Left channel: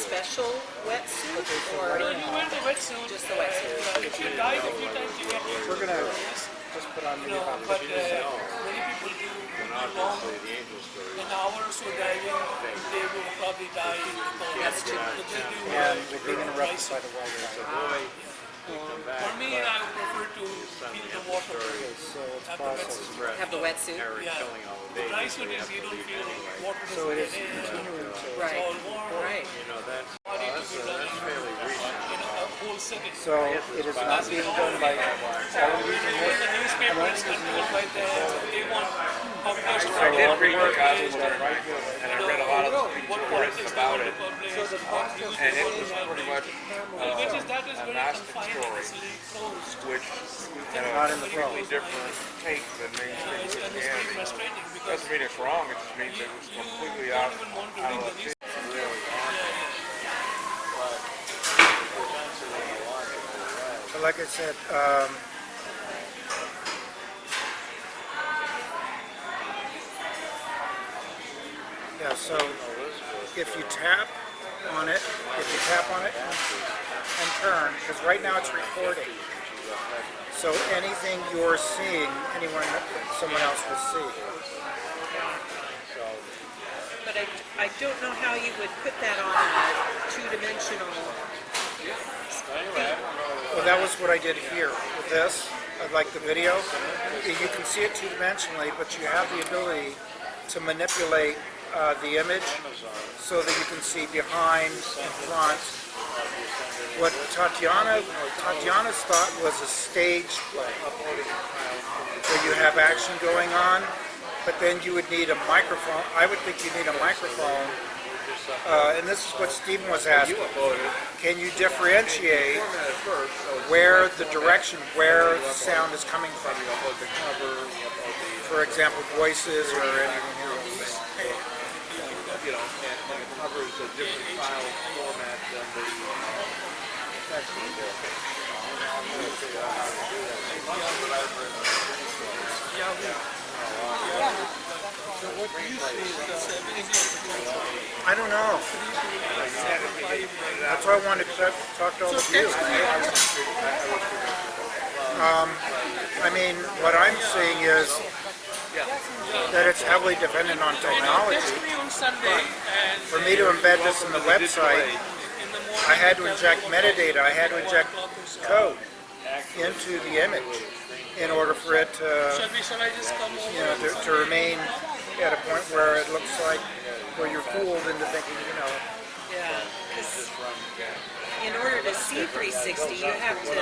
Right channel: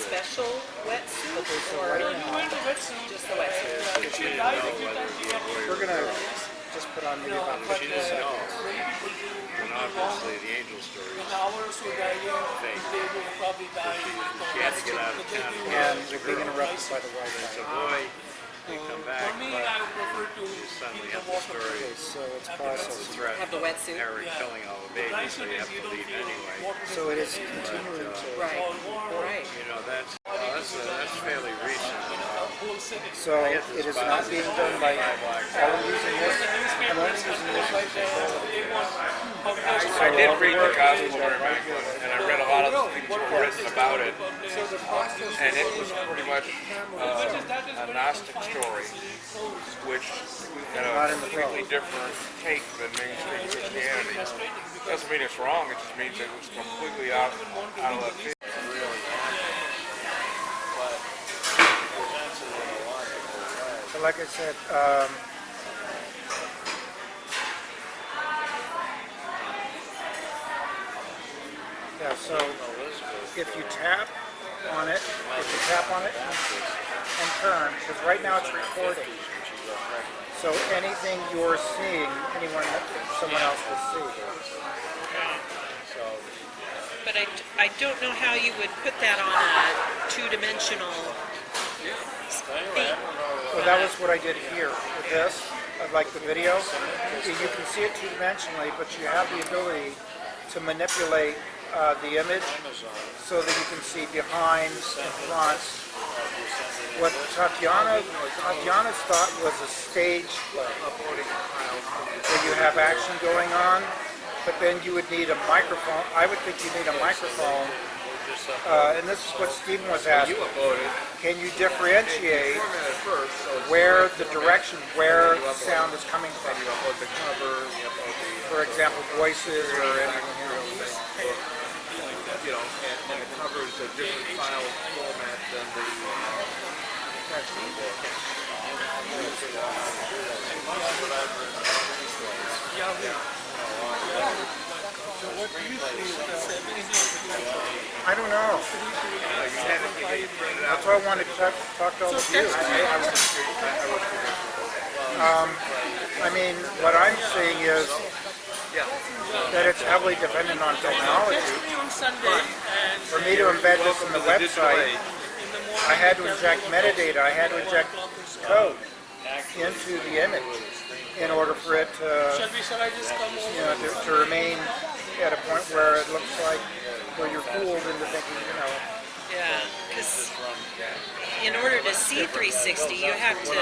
special wetsuit or just the wetsuit? We're gonna just put on maybe about 50 seconds. And obviously the angel story is fake. That's too And we're being interrupted by the weather. So boy, they come back, but suddenly have the story. Okay, so it's processed. Threat. have the wetsuit. Harry killing all the babies, so you have to leave anyway. So it is continuing to. Right. Right. You know, that's fairly recent. So it is not being done by all using this. I'm only using this as control. I did read the Gospel during my and I read a lot of the things that were written about it, and it was pretty much a Gnostic story, which had a completely different take than mainstream Christianity. Doesn't mean it's wrong, it just means it was completely out of left field. But like I said, yeah, so if you tap on it, and turn, because right now it's recording. So anything you're seeing, someone else will see. But I don't know how you would put that on a two-dimensional thing. Well, that was what I did here with this, like the video. You can see it two-dimensionally, but you have the ability to manipulate the image so that you can see behind and front. What Tatiana's thought was a stage play, where you have action going on, but then you would need a microphone. I would think you need a microphone, and this is what Stephen was asking. Can you differentiate where the direction, where sound is coming from? For example, voices or anything else. You know, and it covers a different file format than the I don't know. That's why I wanted to talk to all of you. I mean, what I'm seeing is that it's heavily dependent on technology. For me to embed this in the website, I had to inject metadata, I had to inject code into the image in order for it to, to remain at a point where it looks like, where you're fooled into thinking, Yeah, because in order to see 360, you have to move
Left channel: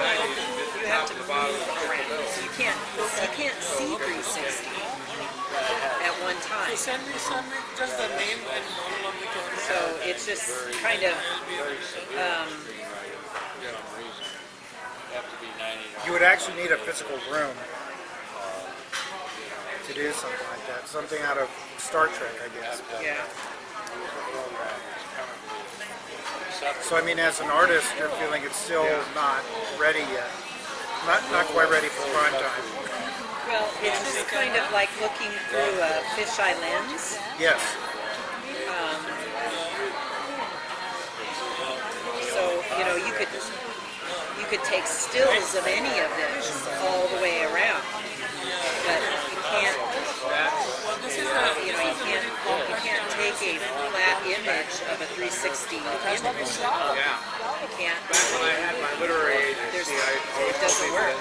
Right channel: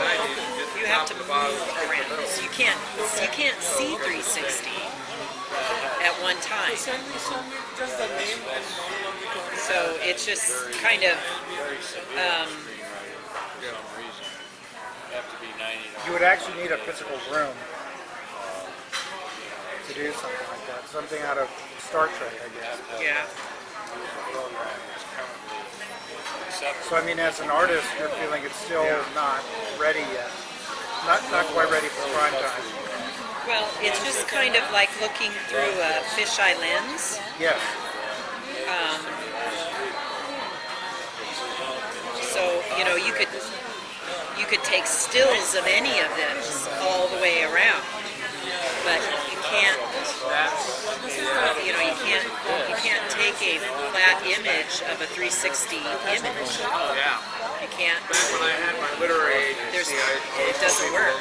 around. So you can't see 360 at one time. So it's just kind of you would actually need a physical room to do something like that. Something out of Star Trek, I guess. yeah. So I mean, as an artist, you're feeling it's still not ready yet. Not quite ready for prime time. Well, it's just kind of like looking through a fisheye lens. Yes. So you could take stills of any of this all the way around, but you can't. You can't take a flat image of a 360 image. You can't. It doesn't work.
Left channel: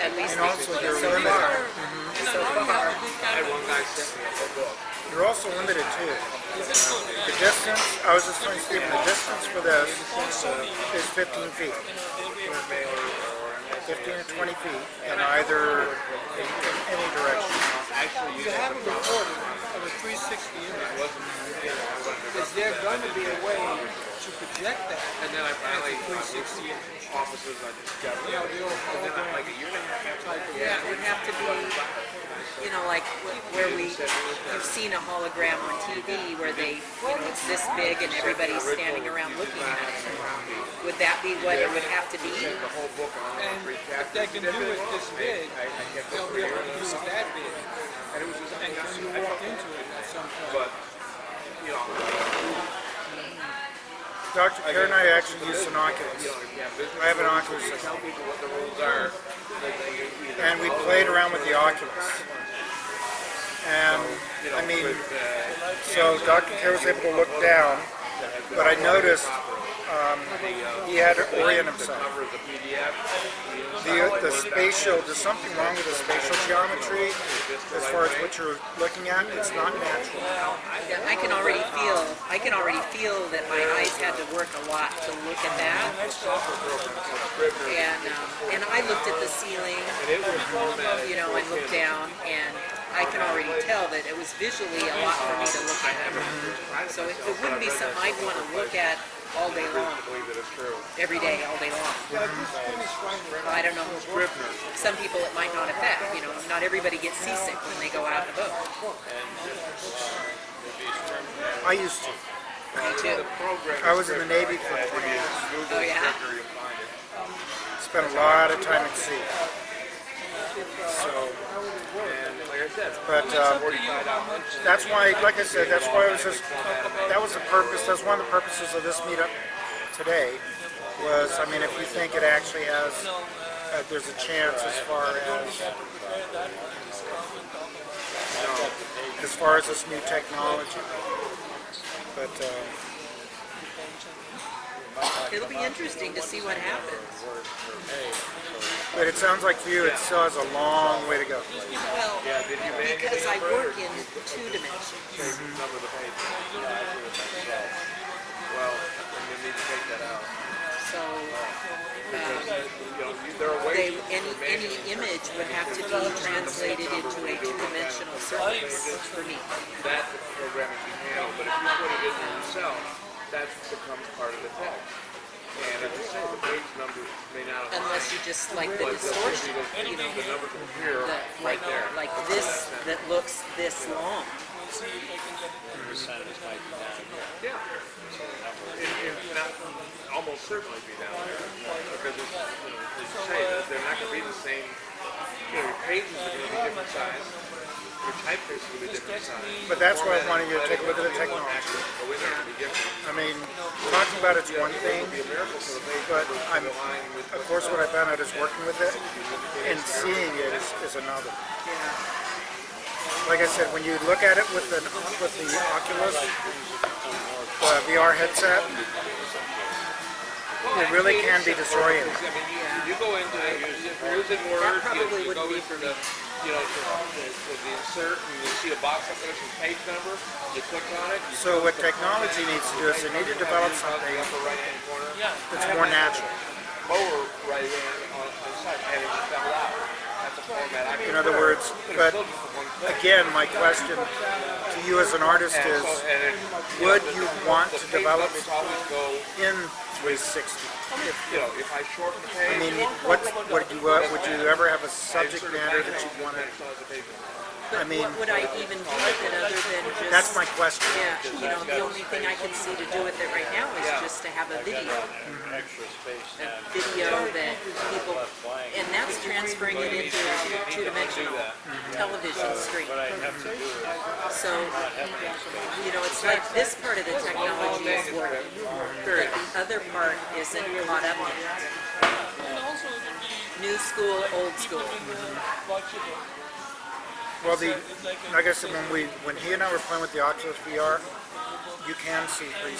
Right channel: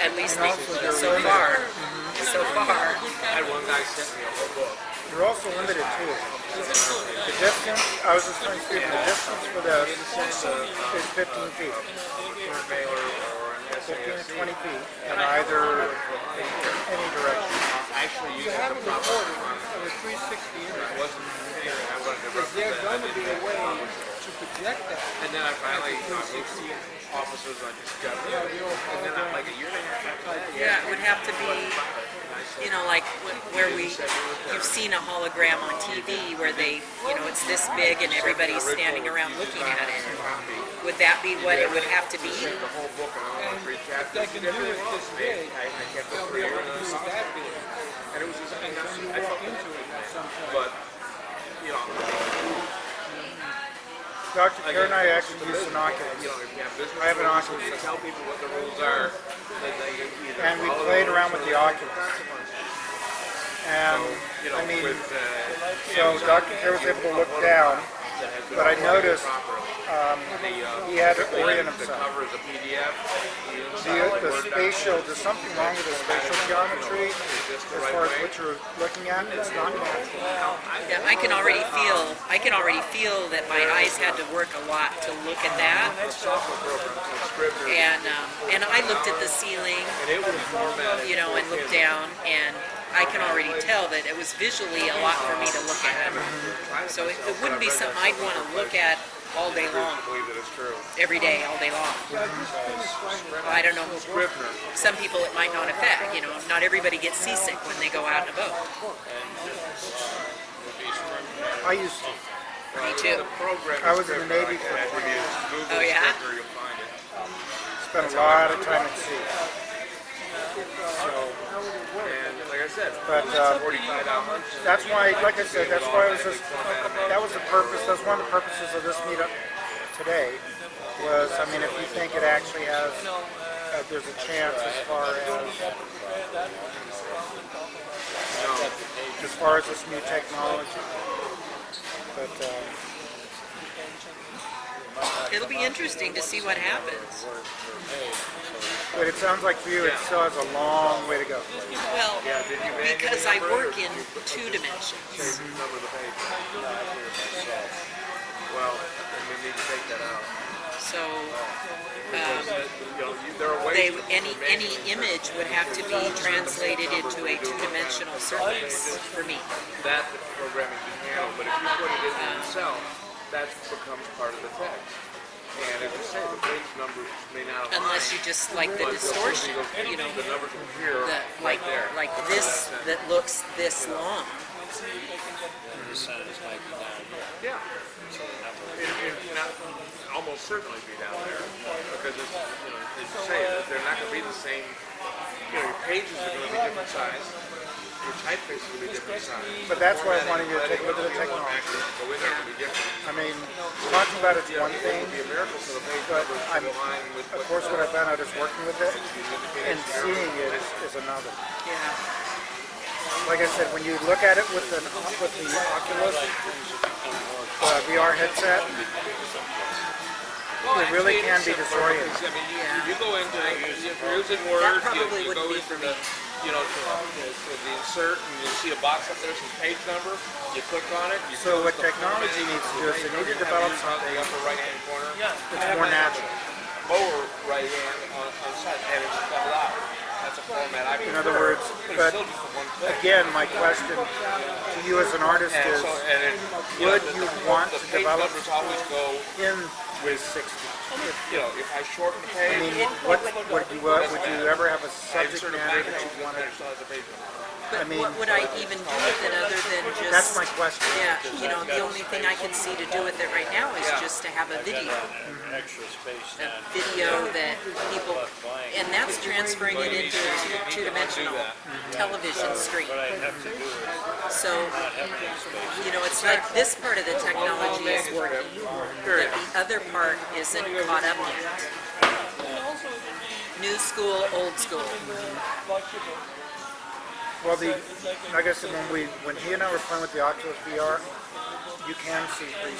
At least so far. So far. You're also limited too. The distance, I was just telling Stephen, the distance for this is 15 feet. 15 or 20 feet in either, in any direction. You haven't recorded of a 360 image. Is there going to be a way to project that? And then I finally officers I discovered. Yeah, it would have to be, like where you've seen a hologram on TV where they, it's this big and everybody's standing around looking at it. Would that be what it would have to be? And if they can do it this big, they'll be able to do it that big. And when you walk into it, Dr. Karen and I actually use an Oculus. If you have business I have an rules, Oculus you system. tell people what the rules are. And we played around with the Oculus. And I mean, so Dr. K was able to look down, but I noticed he had to orient himself. Covers a PDF. The spatial, there's something wrong with the spatial geometry as far as what you're looking at. It's not natural. Yeah, I can already feel that my eyes had to work a lot to look at that. And I looked at the ceiling, you know, and looked down, and I can already tell that it was visually a lot for me to look at. So it wouldn't be something I'd want to look at all day long, every day, all day long. I don't know. Some people it might not affect. You know, not everybody gets seasick when they go out in a boat. I used to. Me too. I was in the Navy for 20 years. Oh yeah. Spent a lot of time at sea. So, Like I said, but that's why, like I said, that's why it was just, that was the purpose, that's one of the purposes of this meetup today, was, I mean, if you think it actually has, there's a chance as far as this new technology. But, It'll be interesting to see what happens. but it sounds like for you, it still has a long way to go. Well, because I work in 2 dimensions. well, then we need to take that out. So There are ways any image would have to be translated into a 2-dimensional surface for me. that programming can handle, but if you put it in there yourself, that becomes part of the text. And as I say, the page numbers may not Unless you just like the distortion, you know, the numbers will appear like this that looks this long. Yeah. It can almost certainly be down there because it's, as you say, they're not going to be the same. Your pages are going to be different size. Your typeface will be different size. But that's why I wanted you to take a look at the technology. Go in there, it'll be different. I mean, talking about it's one thing, but I'm, of course what I found out is working with it and seeing it is another. Yeah. Like I said, when you look at it with the Oculus, VR headset, it really can be disorienting. You go into it, if you're using words, That probably you go wouldn't be into for me. you know, for the insert, and you see a box that says page number, you click on it, you So what technology needs to do is they need to develop something upper right-hand corner, that's more natural. lower right-hand on the side, and it's spelled out. That's a format I In other words, but again, my question to you as an artist is, would you want to develop in 360? If I shorten the page, I mean, would you ever have a subject matter that you wanted? But I mean, what would I even do with it other than just... that's my question. Yeah, you know, the only thing I can see to do with it right now is just to have a video. A video that people... And that's transferring it into a 2-dimensional television screen. So, you know, it's like this part of the technology is working, but the other part isn't caught up yet. New school, old school. Well, like I said, when he and I were playing with the Oculus VR, you can see 360.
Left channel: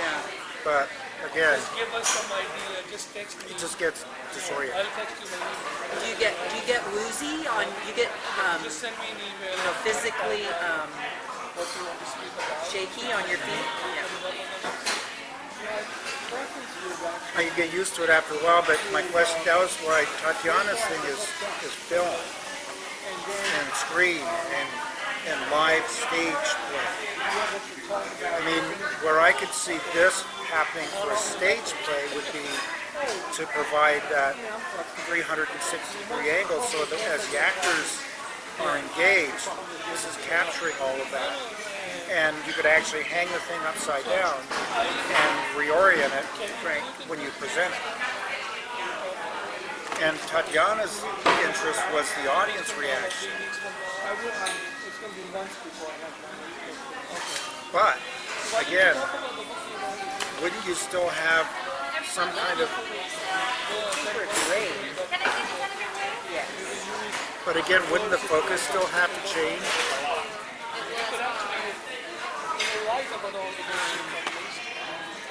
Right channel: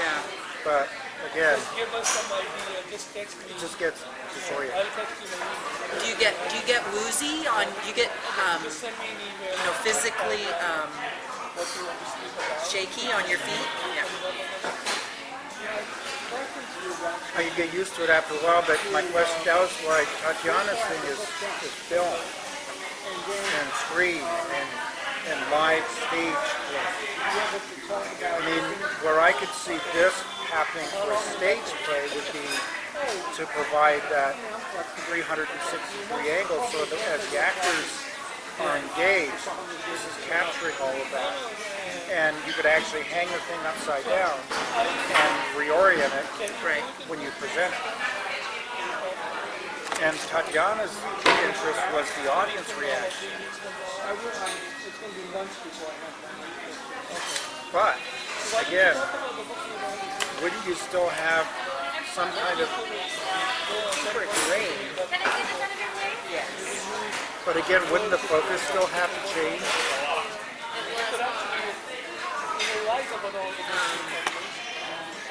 Yeah. But again, Give us some idea, just text me. it just gets disoriented. I'll text you my email. Do you get woozy on? You get Just send me an email. you know, physically What you want to speak about. shaky on your feet? Yeah. I can get used to it after a while, but my question, that was why Tatiana's thing is film and screen and live stage play. I mean, where I could see this happening for a stage play would be to provide that 360-degree angle so that as the actors are engaged, this is capturing all of that. And you could actually hang the thing upside down and reorient it when you present it. And Tatiana's interest was the audience reaction. But, again, wouldn't you still have some kind of, For grade. but again, wouldn't the focus still have to change?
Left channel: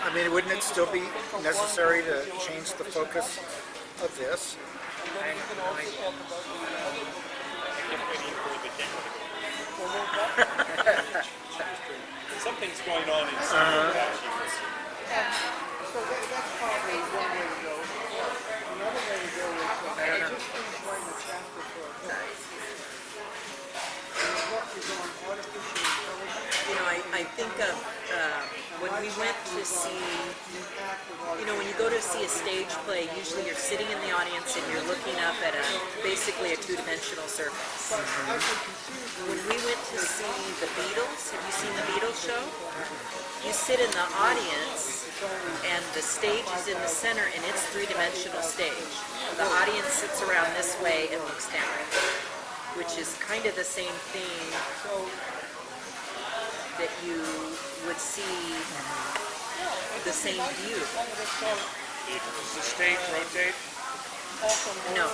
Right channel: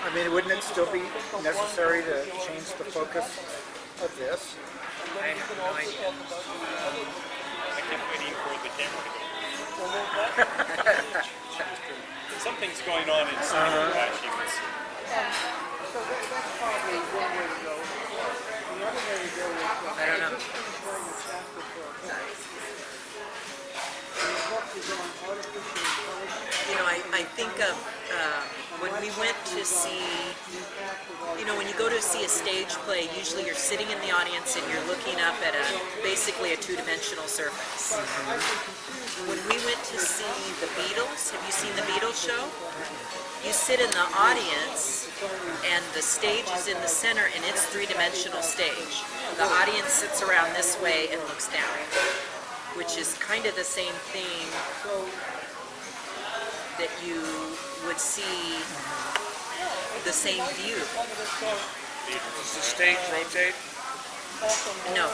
I mean, wouldn't it still be necessary to change the focus of this? I have no idea. I kept waiting for the camera to go. Something's going on inside of that you can see. So that's probably one way to go. The other way to go is to run the chapter for a book. And the book is on artificial intelligence. You know, I think of when we went to see, you know, when you go to see a stage play, usually you're sitting in the audience and you're looking up at basically a two-dimensional surface. When we went to see the Beatles, have you seen the Beatles show? You sit in the audience and the stage is in the center and it's three-dimensional stage. The audience sits around this way and looks down, which is kind of the same thing that you would see the same view. Does the stage rotate? No.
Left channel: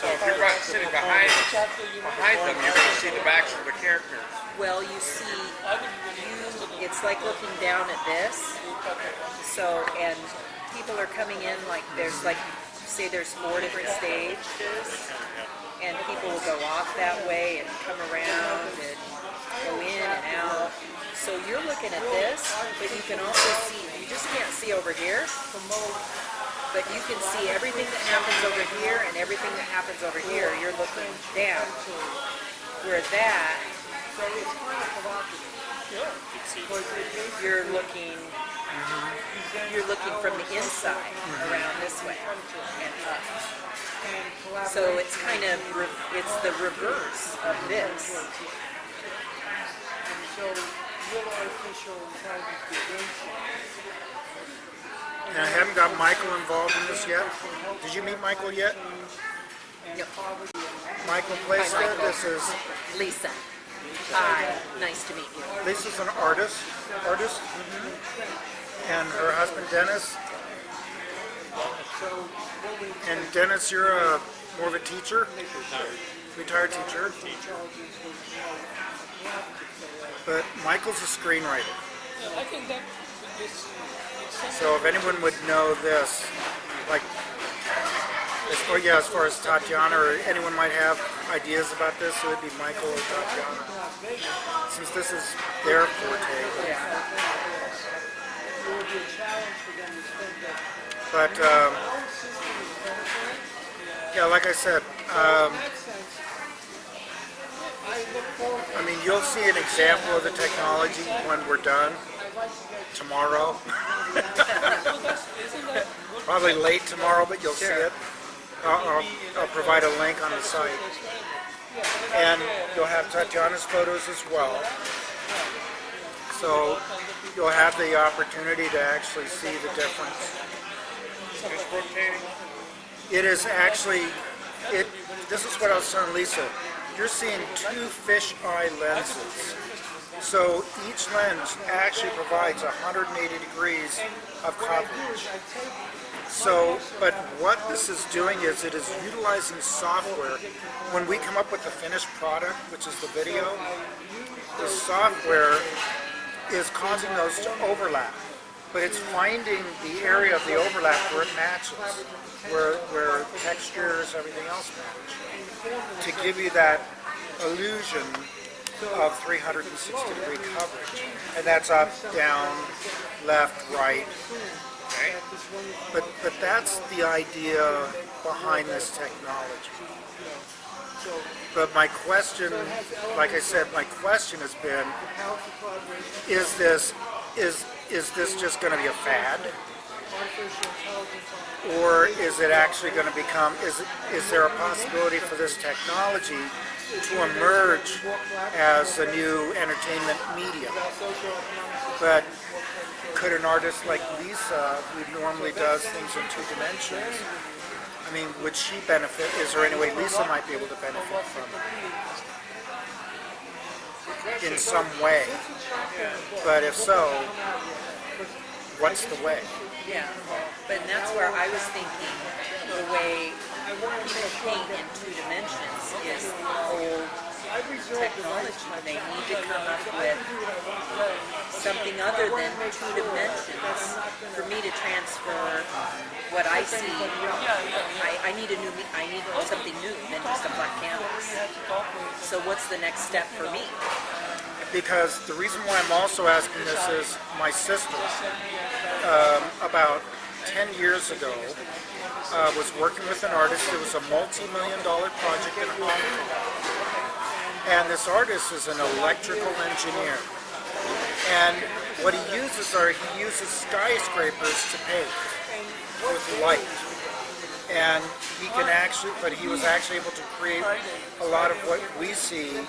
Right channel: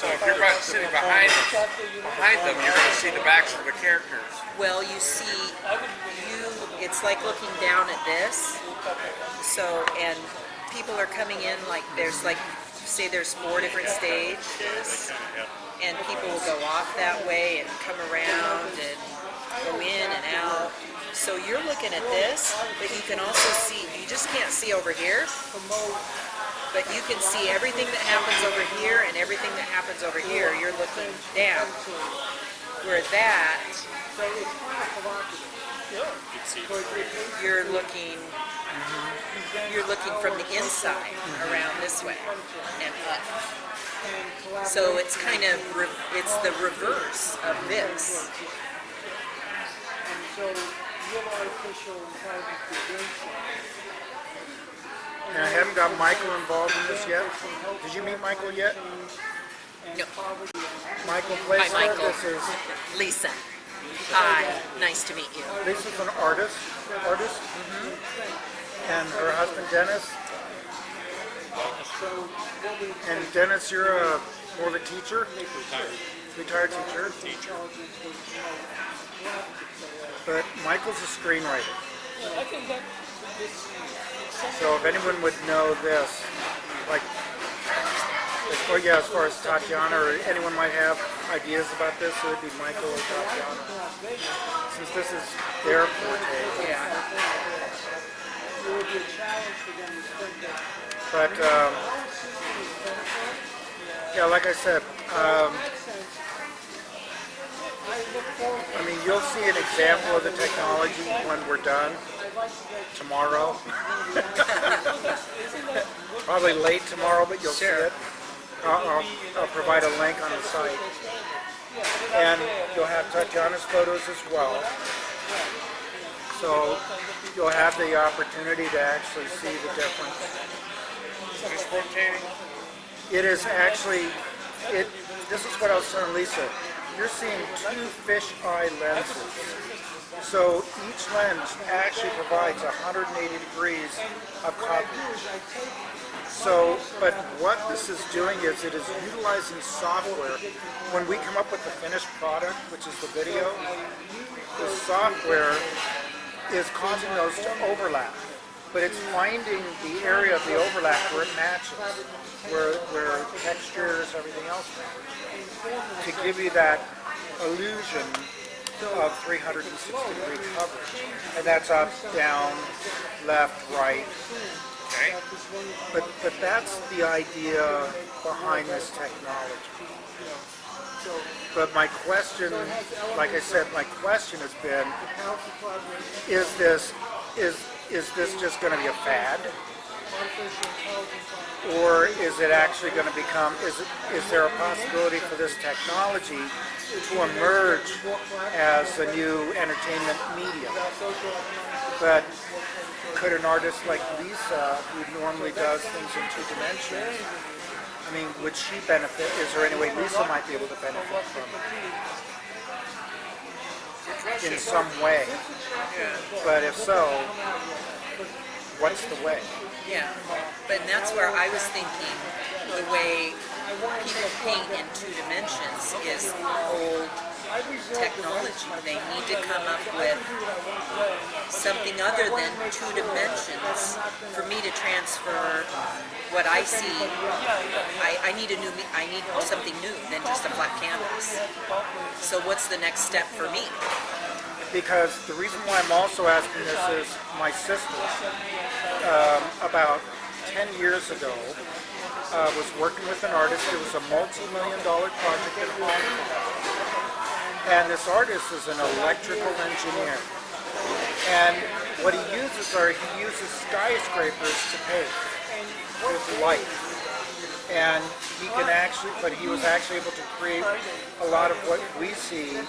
So if you're sitting behind them, you can see the backs of the characters. Well, you see, it's like looking down at this. So, and people are coming in like there's like, say there's 4 different stages, and people will go off that way and come around and go in and out. So you're looking at this, but you can also see, you just can't see over here, but you can see everything that happens over here and everything that happens over here. You're looking down. Where that, you're looking from the inside around this way and up. So it's kind of, it's the reverse of this. So real artificial intelligence creation. And I haven't got Michael involved in this yet. Did you meet Michael yet? No. Michael Placer, Hi, Michael. this is, Lisa. Hi, nice to meet you. Lisa's an artist, and her husband Dennis. And Dennis, you're more of a teacher? Retired teacher. But Michael's a screenwriter. So if anyone would know this, like, as far as Tatiana or anyone might have ideas about this, it would be Michael or Tatiana. Since this is their forte. But, yeah, like I said, I mean, you'll see an example of the technology when we're done tomorrow. Probably late tomorrow, but you'll see it. I'll provide a link on the site. And you'll have Tatiana's photos as well. So you'll have the opportunity to actually see the difference. It is actually, this is what I was telling Lisa. You're seeing 2 fisheye lenses. So each lens actually provides 180 degrees of coverage. So, but what this is doing is it is utilizing software. When we come up with the finished product, which is the video, the software is causing those to overlap. But it's finding the area of the overlap where it matches, where textures, everything else matches, to give you that illusion of 360 degree coverage. And that's up, down, left, right. Okay? But that's the idea behind this technology. But my question, like I said, my question has been, is this just going to be a fad? Or is it actually going to become, is there a possibility for this technology to emerge as a new entertainment medium? But could an artist like Lisa, who normally does things in 2 dimensions, I mean, would she benefit? Is there any way Lisa might be able to benefit from it in some way? But if so, what's the way? Yeah, but that's where I was thinking the way people paint in 2 dimensions is old technology. They need to come up with something other than 2 dimensions for me to transfer what I see. I need something new than just a flat canvas. So what's the next step for me? Because the reason why I'm also asking this is my sister, about 10 years ago, was working with an artist. It was a multi-million-dollar project in Hong Kong. And this artist is an electrical engineer. And what he uses skyscrapers to paint with light. And he was actually able to create a lot of what we see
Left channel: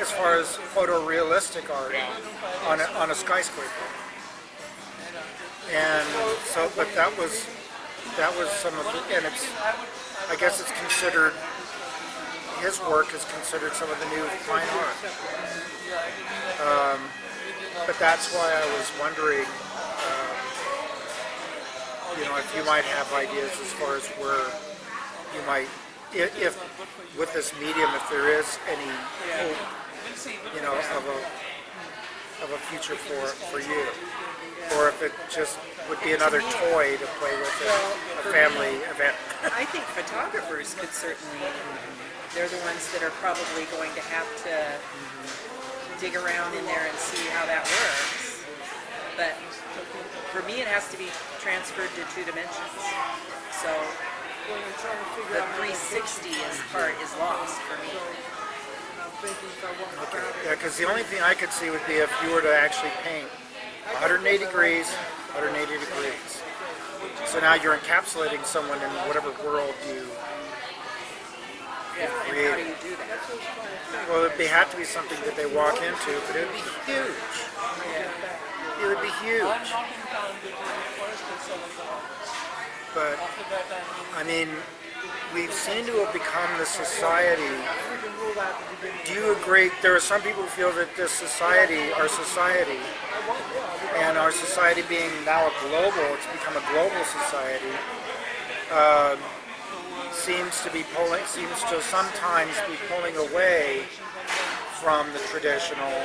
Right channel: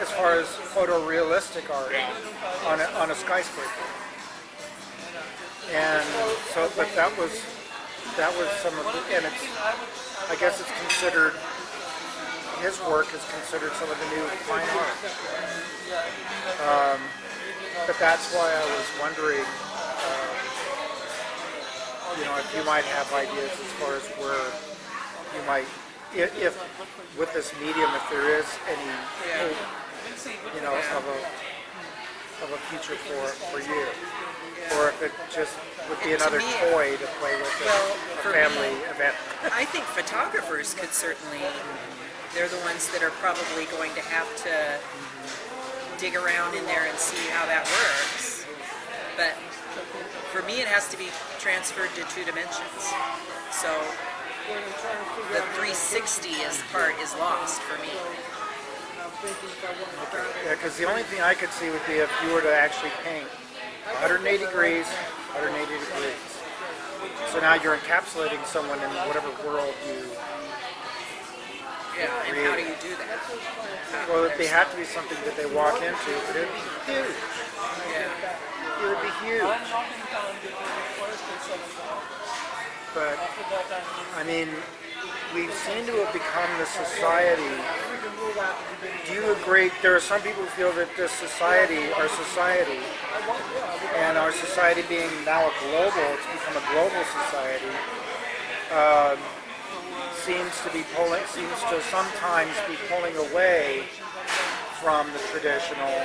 as far as photorealistic art on a skyscraper. And so, but that was some of the, and I guess it's considered, his work is considered some of the new fine art. But that's why I was wondering, if you might have ideas as far as where you might, if with this medium, if there is any hope, of a future for you, or if it just would be another toy to play with at a family event. I think photographers could certainly, they're the ones that are probably going to have to dig around in there and see how that works. But for me, it has to be transferred to 2 dimensions. So the 360 part is lost for me. Yeah, because the only thing I could see would be if you were to actually paint 180 degrees, 180 degrees. So now you're encapsulating someone in whatever world you Yeah, and how do you do that? Well, they have to be something that they walk into, but it would be huge. It would be huge. But, I mean, we seem to have become the society. Do you agree? There are some people who feel that this society, our society being now a global, it's become a global society, seems to sometimes be pulling away from the traditional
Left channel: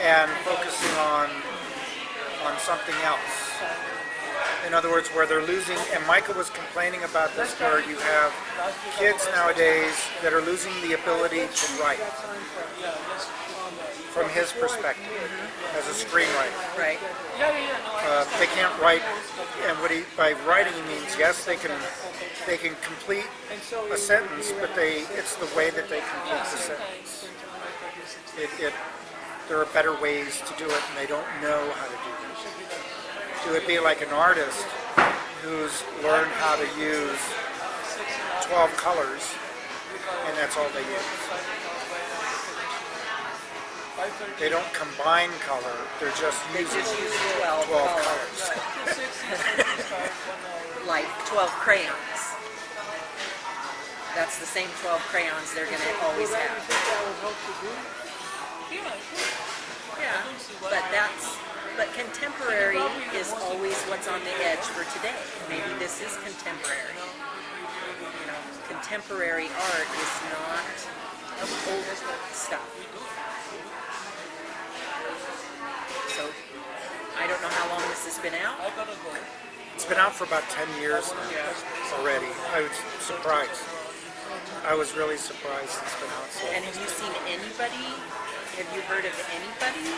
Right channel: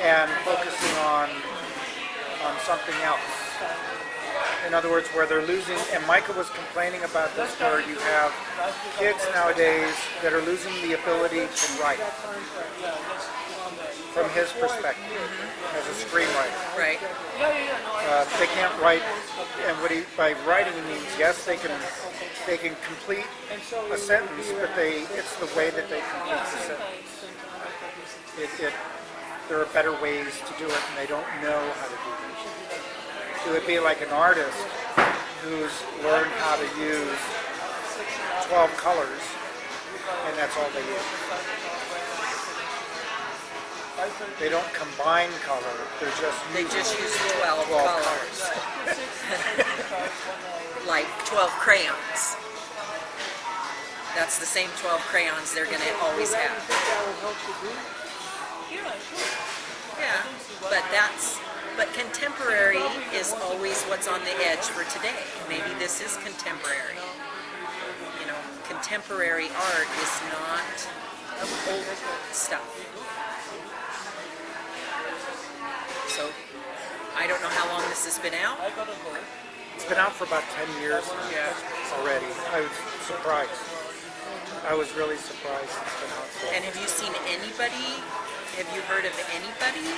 and focusing on something else. In other words, where they're losing, and Micah was complaining about this, where you have kids nowadays that are losing the ability to write, from his perspective, as a screenwriter. Right. They can't write, and by writing he means, yes, they can complete a sentence, but it's the way that they complete the sentence. There are better ways to do it, and they don't know how to do it. It would be like an artist who's learned how to use 12 colors, and that's all they use. They don't combine color, they're just using 12 colors. Like 12 crayons. That's the same 12 crayons they're going to always have. Yeah, but contemporary is always what's on the edge for today. Maybe this is contemporary. Contemporary art is not old stuff. So, I don't know how long this has been out. It's been out for about 10 years already. I was surprised. I was really surprised it's been out so. And have you seen anybody? Have you heard of anybody?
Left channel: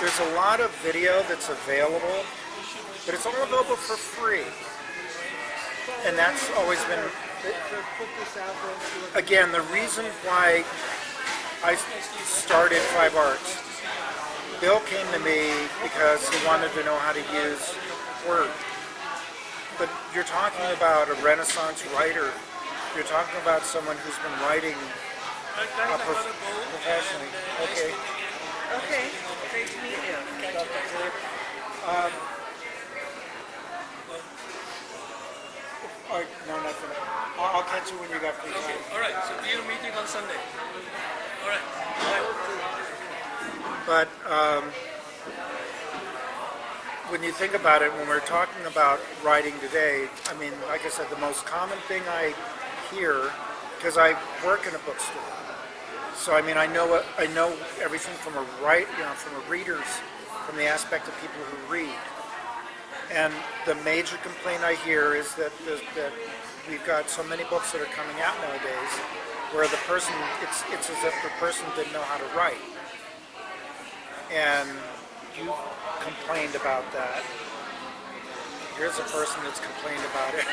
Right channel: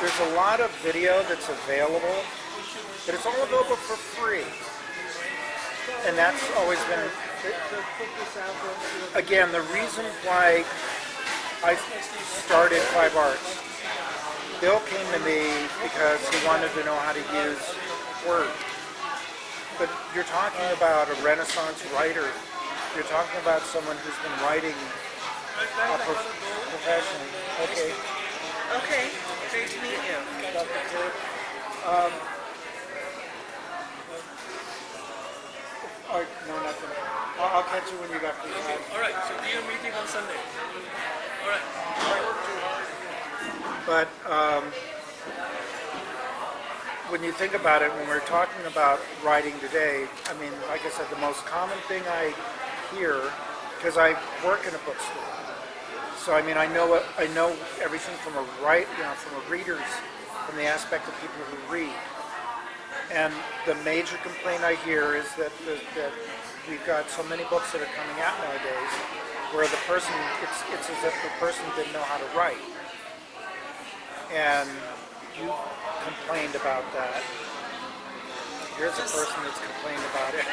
There's a lot of video that's available, but it's all available for free. And that's always been, again, the reason why I started Five Arts. Bill came to me because he wanted to know how to use Word. But you're talking about a Renaissance writer. You're talking about someone who's been writing professionally. Okay. Okay, great to meet you. No, nothing. I'll catch you when you got free time. All right, so we are meeting on Sunday. All right. But when you think about it, when we're talking about writing today, I mean, like I said, the most common thing I hear, because I work in a bookstore, so I mean, I know everything from from a reader's, from the aspect of people who read. And the major complaint I hear is that we've got so many books that are coming out nowadays, where the person, it's as if the person didn't know how to write. And you complained about that. Here's a person that's complained about it.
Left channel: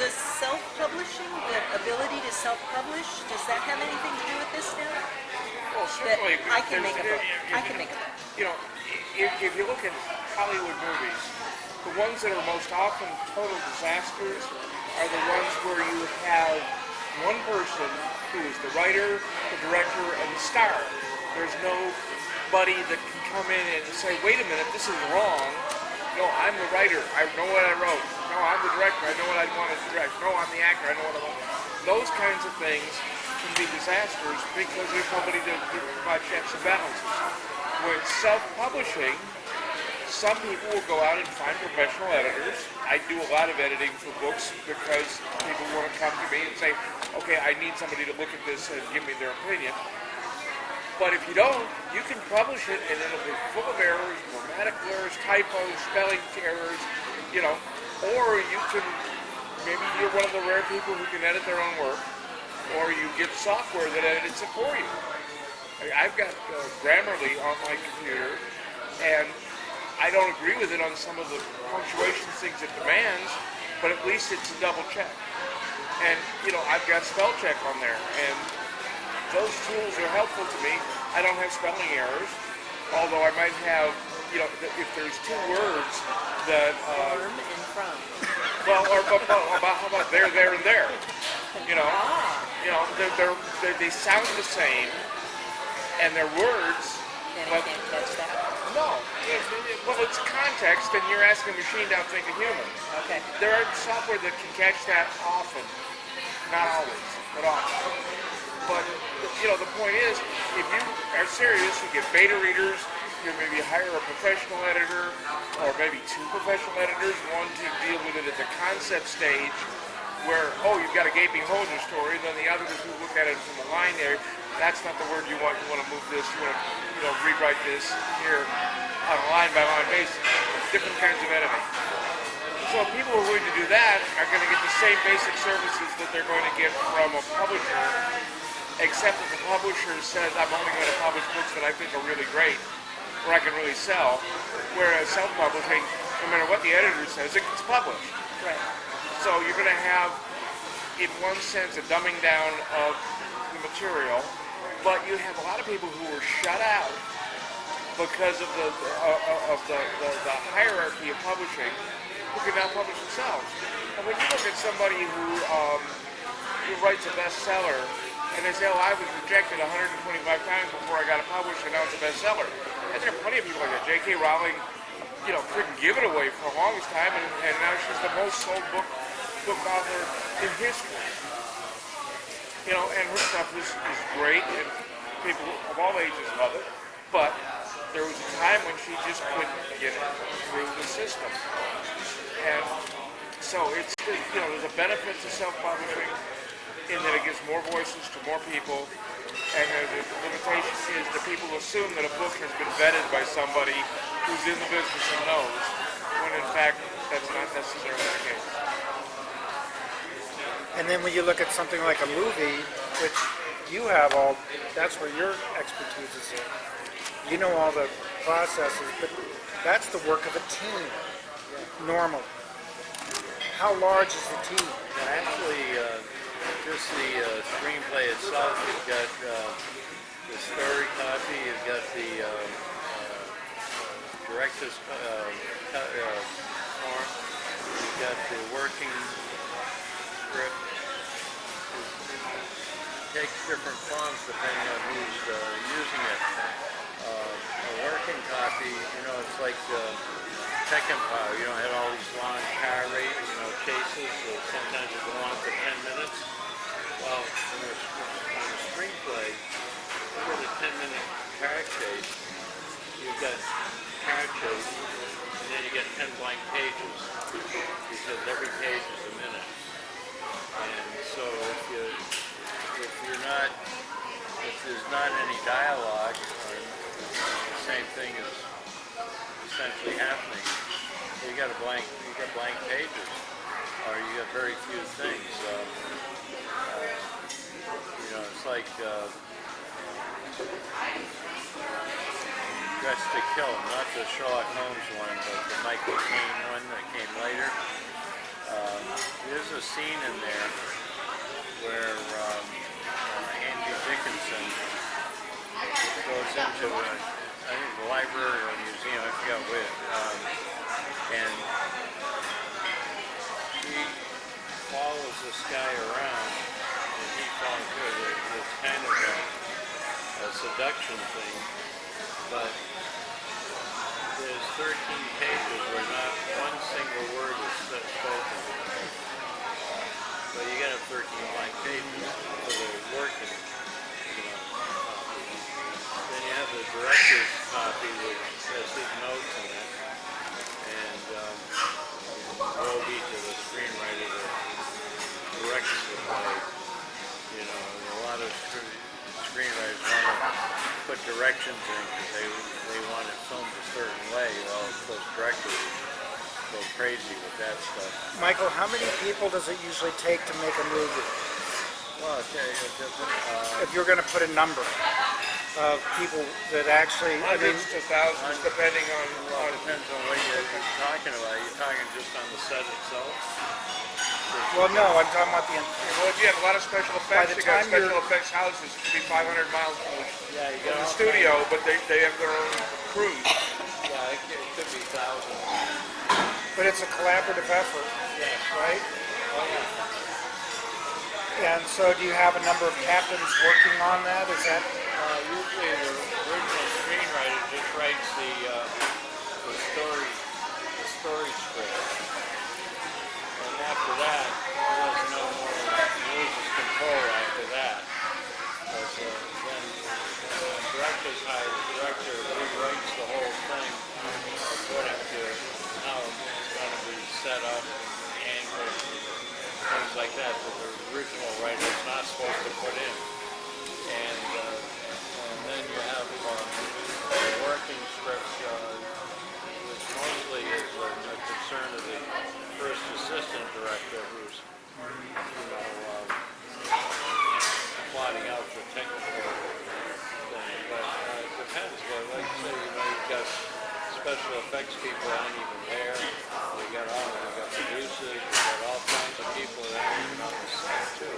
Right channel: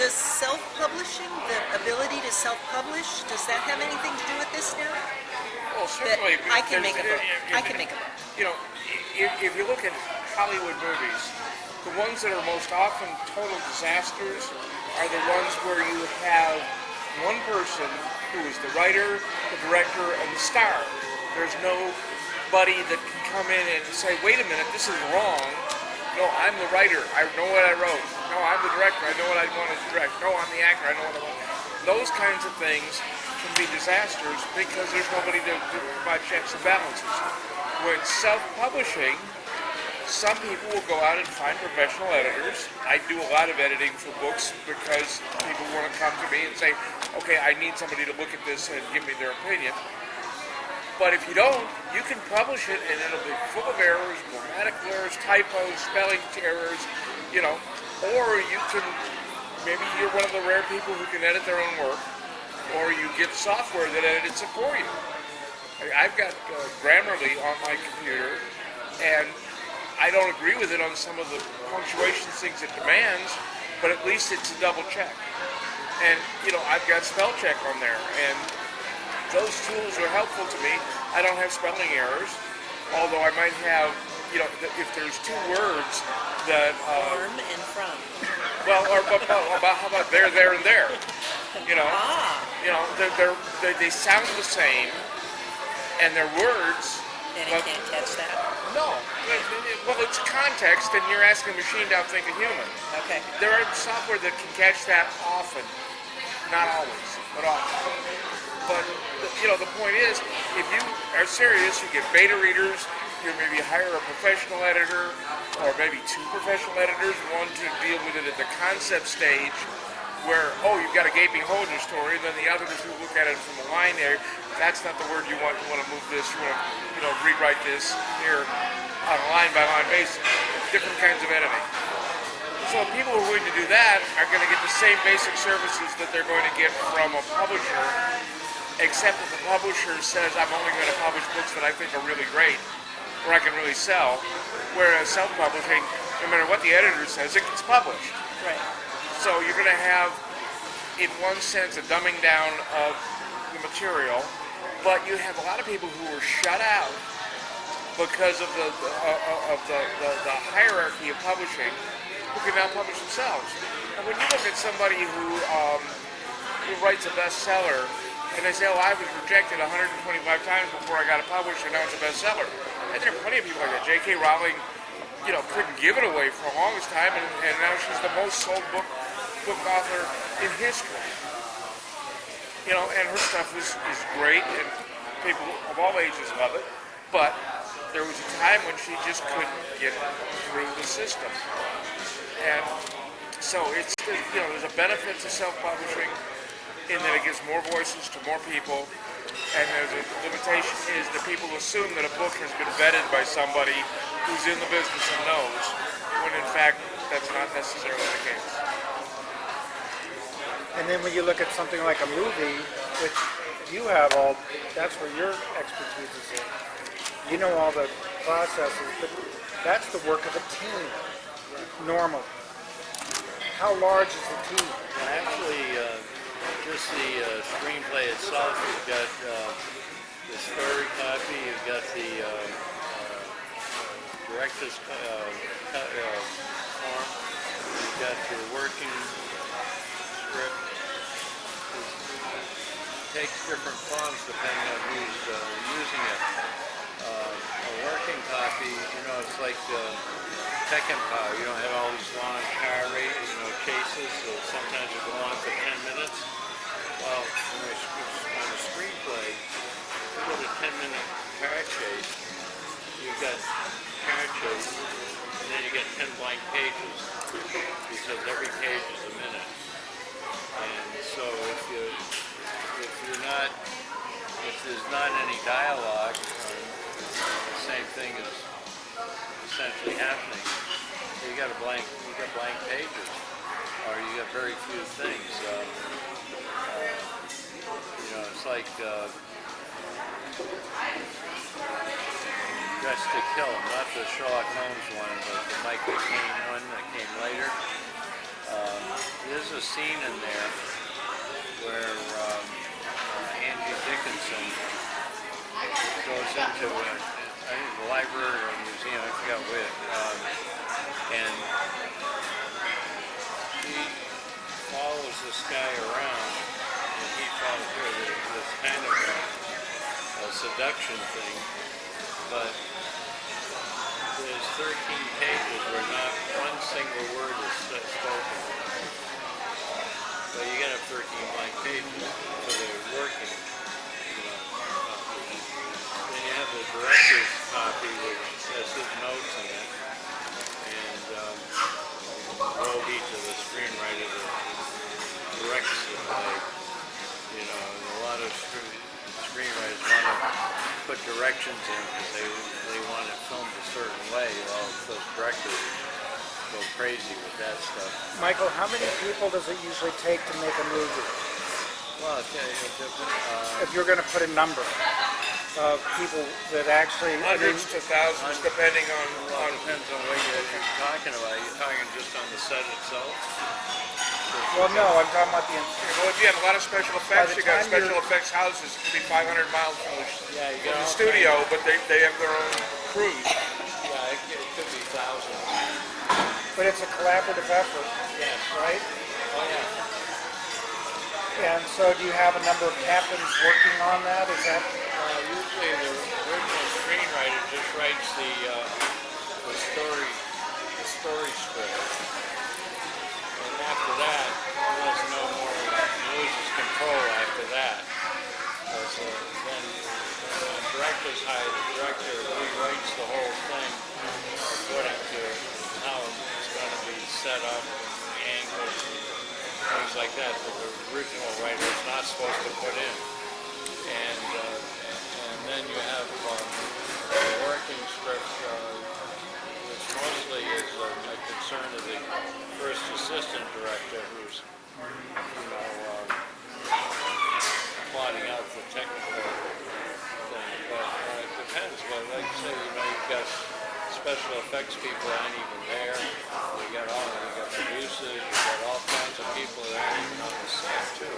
Does self-publishing, the ability to self-publish, does that have anything to do with this now? Well, That certainly. I can make a because book. I can make a book. You know, if you look at Hollywood movies, the ones that are most often total disasters are the ones where you have one person who is the writer, the director, and the star. There's nobody that can come in and say, wait a minute, this is wrong. No, I'm the writer. I know what I wrote. No, I'm the director. I know what I want to direct. No, I'm the actor. I know what I want. Those kinds of things can be disasters because there's nobody to provide checks and balances. When self-publishing, some people will go out and find professional editors. I do a lot of editing for books because people want to come to me and say, okay, I need somebody to look at this and give me their opinion. But if you don't, you can publish it and it'll be full of errors, grammatical errors, typos, spelling errors, you know. Or you can, maybe you're one of the rare people who can edit their own work, or you get software that edits it for you. I've got Grammarly on my computer, and I don't agree with it on some of the punctuation things it demands, but at least it's a double check. And, you know, I've got spell check on there, and those tools are helpful to me. I don't have spelling errors, although I might have, you know, if there's two words that... From and from. Well, or how about there, and there? You know, they sound the same, and they're words. And I can't catch that. No. Well, it's context, and you're asking a machine to outthink a human. Okay. There are software that can catch that often. Not always, but often. But, you know, the point is, if you are serious, you get beta readers, you maybe hire a professional editor, or maybe two professional editors, one to deal with it at the concept stage, where, oh, you've got a gaping hole in the story, then the others who look at it from the line there, that's not the word you want to move this, you want to, you know, rewrite this here on a line-by-line basis. Different kinds of editing. So people who are willing to do that are going to get the same basic services that they're going to get from a publisher, except that the publisher says, I'm only going to publish books that I think are really great, or I can really sell, whereas self-publishing, no matter what the editor says, it gets published. Right. So you're going to have, in one sense, a dumbing down of the material, but you have a lot of people who were shut out because of the hierarchy of publishing, who can now publish themselves. And when you look at somebody who writes a bestseller, and they say, oh, I was rejected 125 times before I got it published, and now it's a bestseller. And there are plenty of people like that. J.K. Rowling, you know, couldn't give it away for the longest time, and now she's the most sold book author in history. You know, and her stuff is great, and people of all ages love it, but there was a time when she just couldn't get through the system. And so it's, you know, there's a benefit to self-publishing in that it gives more voices to more people, and there's a limitation is that people assume that a book has been vetted by somebody who's in the business and knows, when in fact that's not necessarily the case. And then when you look at something like a movie, which you have all, that's where your expertise is in. You know all the processes, but that's the work of a team, normally. How large is the team? Well, actually, just the screenplay itself, you've got the story copy, you've got the director's form, you've got the working script. It takes different forms depending on who's using it. A working copy, you know, it's like Tekken Power. You don't have all these long car chases, so sometimes it go on for 10 minutes. Well, on a screenplay, you go to 10-minute car chase, you you've got characters, and then you get 10 blank pages because every page is a minute. And so if there's not any dialogue, or the same thing is essentially happening, you got blank pages, or you got very few things. It's like Dressed to Kill, not the Sherlock Holmes one, but the Michael Caine one that came later. There's a scene in there where Angie Dickinson goes into I think the library or museum, I forgot which, and he follows this guy around, and he follows her. There's kind of a seduction thing, but there's 13 pages where not one single word is spoken. So you got to have 13 blank pages, so they're working. Then you have the director's copy, which has his notes in it, and roll each of the screenwriter that directs the play. And a lot of screenwriters want to put directions in because they want it filmed a certain way. Well, those directors go crazy with that stuff. Michael, how many people does it usually take to make a movie? Well, it's different. If you're going to put a number of people that actually, Hundreds to thousands, depending on. Well, it depends on what you're talking about. You're talking just on the set itself? well, no, I'm talking about the. Well, if you have a lot of special effects, the you got time special you're- effects houses that could be 500 miles from Yeah, you the got all studio, but they have their own crews. Yeah, it could be thousands. But it's a collaborative effort, right? Oh, yeah. And so, do you have a number of captains working on that? Is that Usually the original screenwriter just writes the story script. And after that, there's no more loses control after that. So then the director's hired, the director rewrites the whole thing according to how it's going to be set up and angles and things like that that the original writer is not supposed to put in. And then you have the working script, which mostly is a concern of the first assistant director who's, plotting out the technical thing. But it depends. Well, like you say, you've got special effects people that aren't even there. We got producers, we got all kinds of people that aren't even on the set too.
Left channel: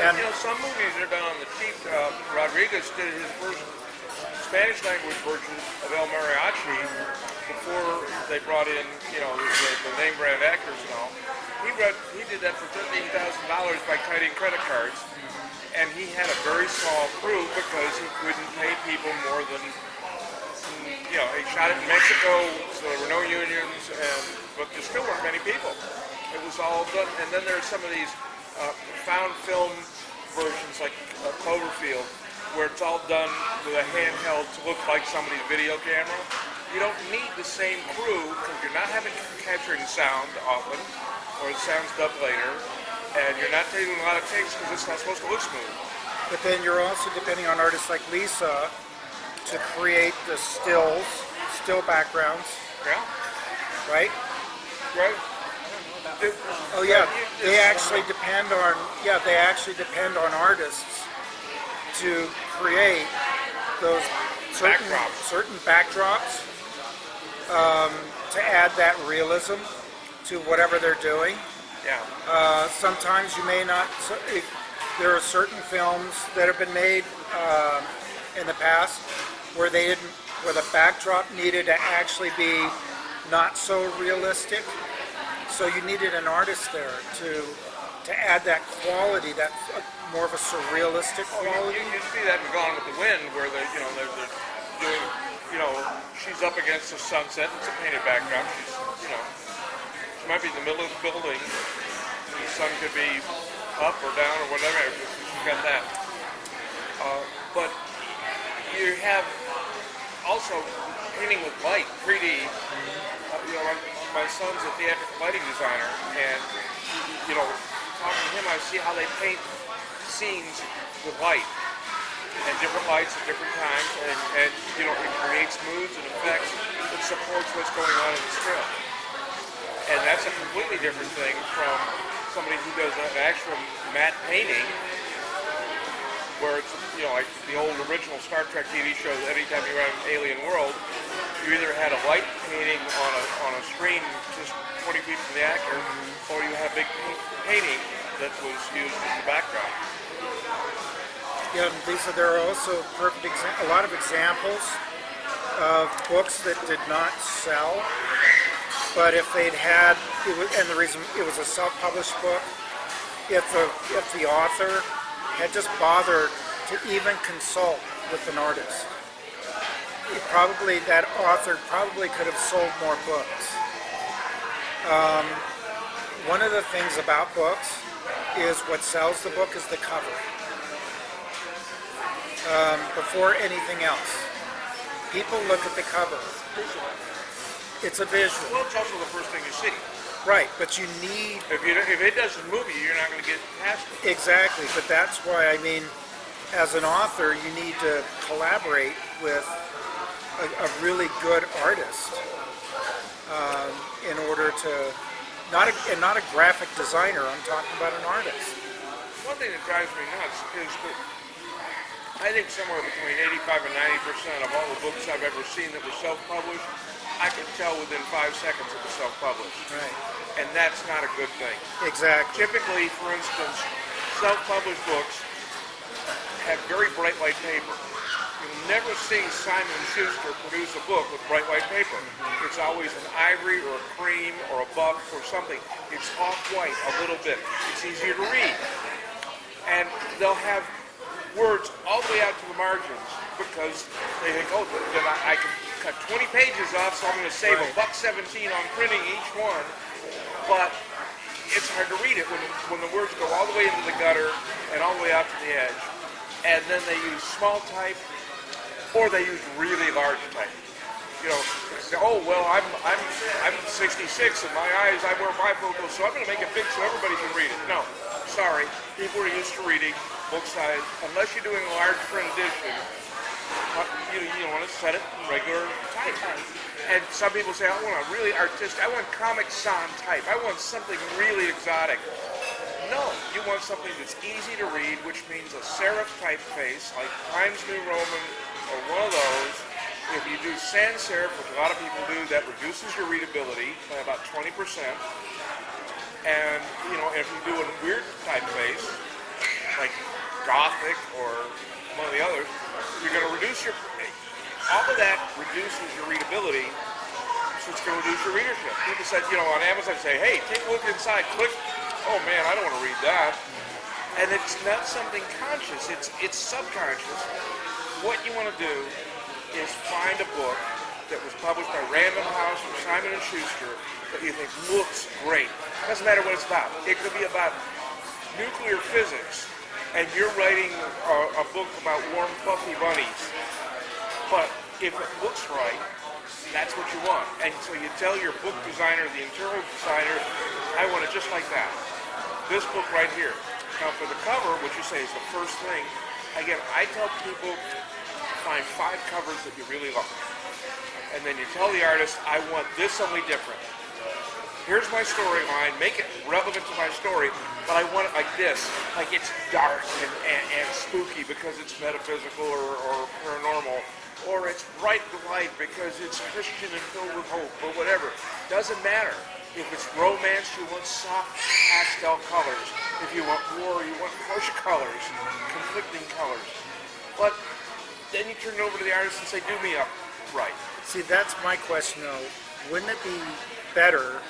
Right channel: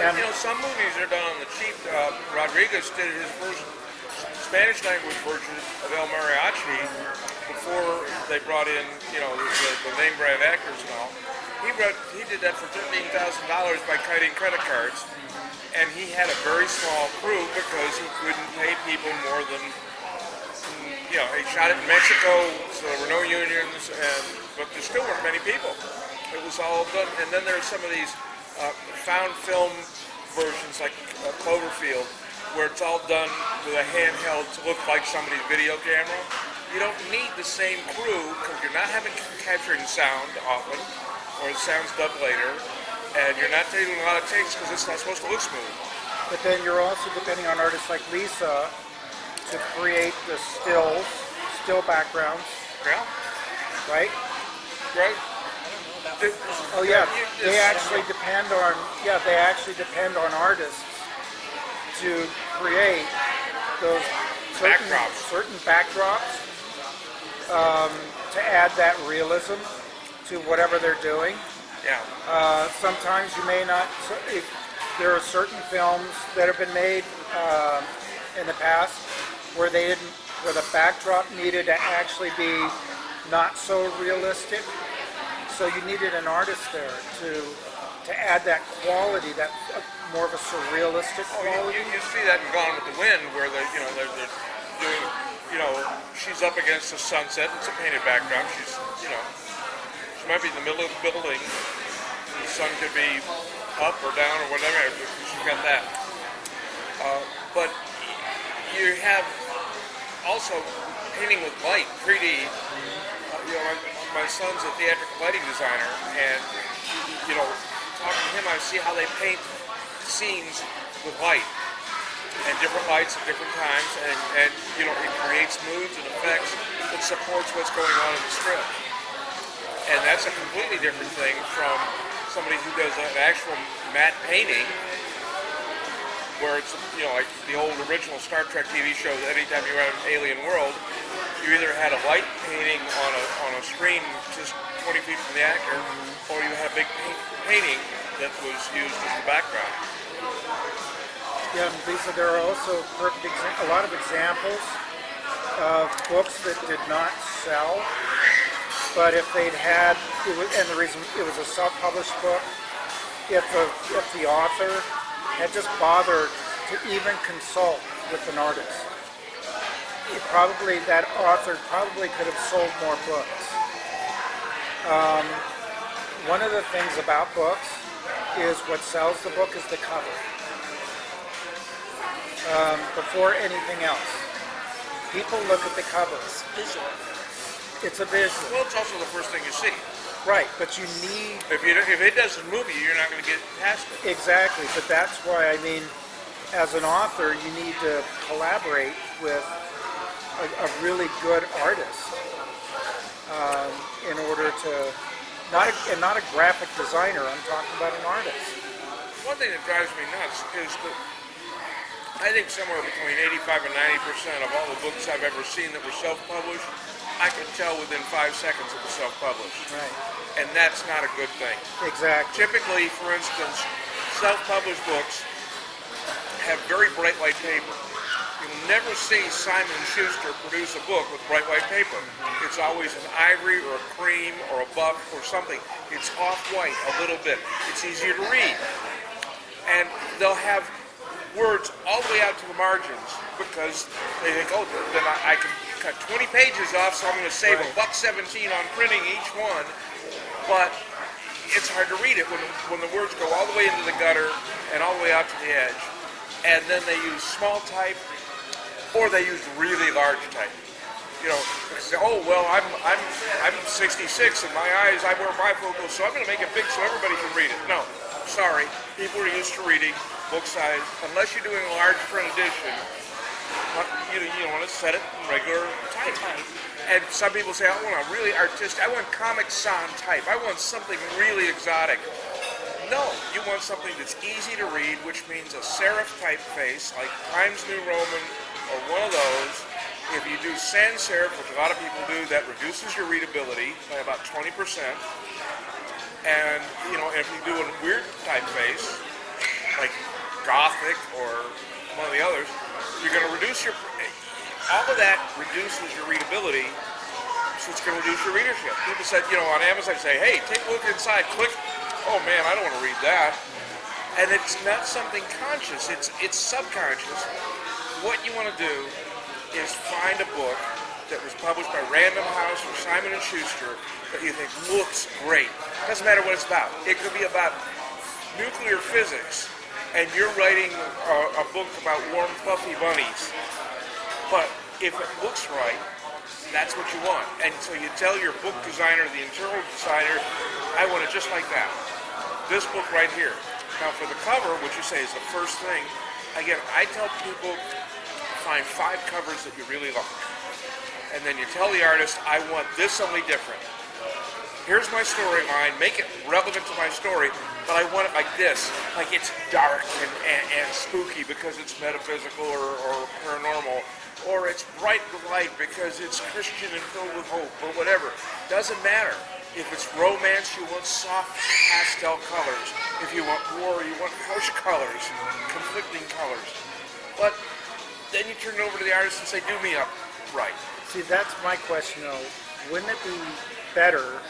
And Some movies are done on the cheap. Rodriguez did his first Spanish language version of El Mariachi before they brought in, the name brand actors and all. He did that for $15,000 by kiting credit cards, and he had a very small crew because he couldn't pay people more than, he shot it in Mexico, so there were no unions, but there still weren't many people. It was all done, and then there's some of these found film versions like Cloverfield, where it's all done with a handheld to look like somebody's video camera. You don't need the same crew because you're not capturing sound often, or the sound's dubbed later, and you're not taking a lot of takes because it's not supposed to look smooth. but then you're also depending on artists like Lisa to create the still backgrounds, Yeah, right? right. Oh yeah, they actually depend on artists to create those certain backdrops to add that realism to whatever they're doing. Yeah. Sometimes you may not. There are certain films that have been made in the past where the backdrop needed to actually be not so realistic. So you needed an artist there to add that quality, that more of a surrealistic quality. You see that in Gone with the Wind, where they're doing, she's up against the sunset. It's a painted background. She might be in the middle of the building. The sun could be up or down or whatever. She's got that. But you have also painting with light, 3D. My son's a theatrical lighting designer, and talking to him, I see how they paint scenes with light and different lights at different times, and it creates moods and effects that supports what's going on in the strip. And that's a completely different thing from somebody who does an actual matte painting, where it's like the old original Star Trek TV show. Anytime you're out in an alien world, you either had a light painting on a screen just 20 feet from the actor, or you have big painting that was used as the background. Yeah, Lisa, there are also a lot of examples of books that did not sell, but if they'd had, and the reason it was a self-published book, if the author had just bothered to even consult with an artist, that author probably could have sold more books. One of the things about books is what sells the book is the cover. Before anything else, people look at the cover. It's a visual. Well, it's also the first thing you see. Right, but you need... If it does the movie, you're not going to get past it. Exactly, but that's why, as an author, you need to collaborate with a really good artist in order to... Not a graphic designer, I'm talking about an artist. One thing that drives me nuts is that I think somewhere between 85 and 90% of all the books I've ever seen that were self-published, I can tell within 5 seconds it was self-published. Right. And that's not a good thing. Exactly. Typically, for instance, self-published books have very bright white paper. You'll never see Simon & Schuster produce a book with bright white paper. It's always an ivory or a cream or a buff or something. It's off-white a little bit. It's easier to read. And they'll have words all the way out to the margins because they think, oh, then I can cut 20 pages off, so I'm going to save $1.17 on printing each one. But it's hard to read it when the words go all the way into the gutter and all the way out to the edge. And then they use small type, or they use really large type. They say, oh, well, I'm 66 and my eyes, I wear bifocals, so I'm going to make it big so everybody can read it. No, sorry. People are used to reading book size. Unless you're doing a large print edition, you want to set it in regular type. And some people say, I want a really artistic, I want Comic Sans type. I want something really exotic. No, you want something that's easy to read, which means a serif typeface, like Times New Roman, or one of those. If you do sans serif, which a lot of people do, that reduces your readability by about 20%. And, if you do a weird typeface, like Gothic or one of the others, you're going to reduce all of that reduces your readability, so it's going to reduce your readership. People said, on Amazon, say, hey, take a look inside, click. Oh man, I don't want to read that. And it's not something conscious, it's subconscious. What you want to do is find a book that was published by Random House or Simon & Schuster that you think looks great. Doesn't matter what it's about. It could be about nuclear physics, and you're writing a book about warm, fluffy bunnies. But if it looks right, that's what you want. And so you tell your book designer, the interior designer, I want it just like that. This book right here. Now for the cover, which you say is the first thing, again, I tell people find 5 covers that you really like. And then you tell the artist, I want this only different. Here's my storyline, make it relevant to my story, but I want it like this, like it's dark and spooky because it's metaphysical or paranormal, or it's bright with light because it's Christian and filled with hope, or whatever. Doesn't matter. If it's romance, you want soft pastel colors. If you want war, you want harsh colors, conflicting colors. But then you turn it over to the artist and say, do me up right. See, that's my question, though. Wouldn't it be better,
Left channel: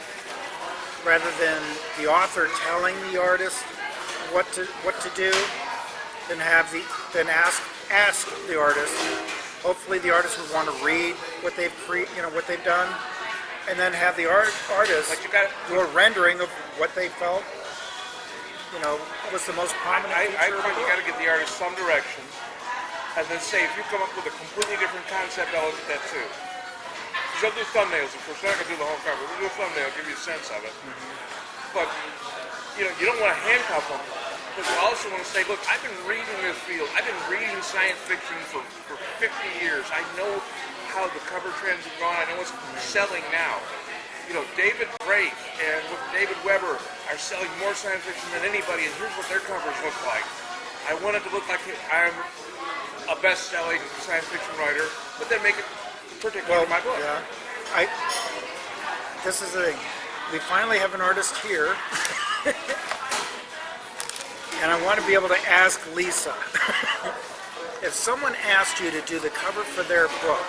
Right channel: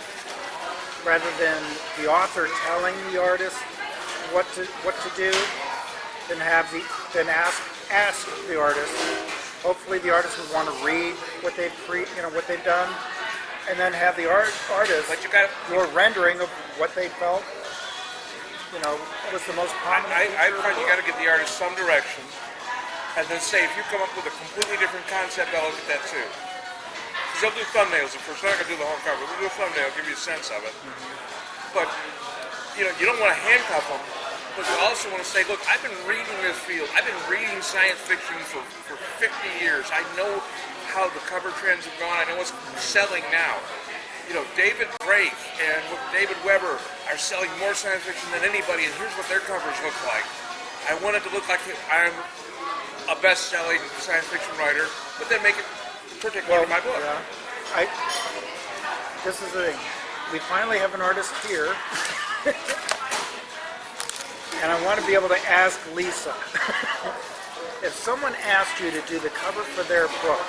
rather than the author telling the artist what to do, than ask the artist? Hopefully, the artist would want to read what they've done, and then have the artist do a rendering of what they felt. Was the most prominent. I find you got to give the artist some direction, and then say, if you come up with a completely different concept concept, I'll look at that too. Because they'll do thumbnails at first. They're not going to do the whole cover. They'll do a thumbnail, give you a sense of it. But, you know, you don't want to handcuff them. But you also want to say, look, I've been reading this field. I've been reading science fiction for 50 years. I know how the cover trends have gone. I know what's selling now. You know, David Drake and David Weber are selling more science fiction than anybody, and here's what their covers look like. I want it to look like I'm a best-selling science fiction writer, but then make it particular in my book. Yeah. This is the thing. We finally have an artist here. And I want to be able to ask Lisa, if someone asked you to do the cover for their book,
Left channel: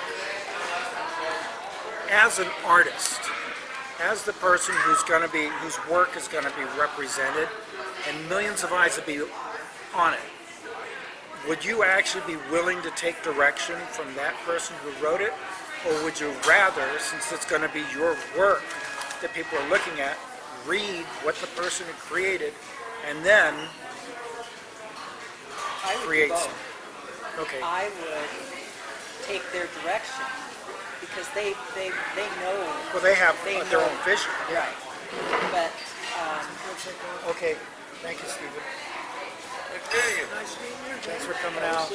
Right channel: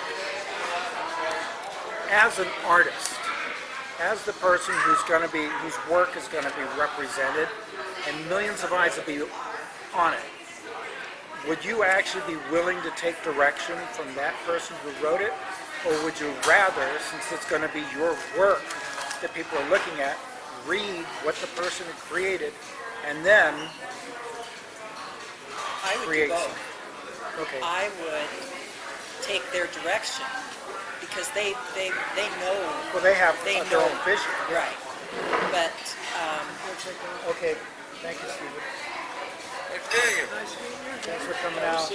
as an artist, as the person whose work is going to be represented, and millions of eyes will be on it, would you actually be willing to take direction from that person who wrote it? Or would you rather, since it's going to be your work that people are looking at, read what the person created and then I would create do both. something? Okay. I would take their direction because they know. Well, they have they their know. own vision. Right. But Okay. Thank you, Stephen. Thanks for coming out.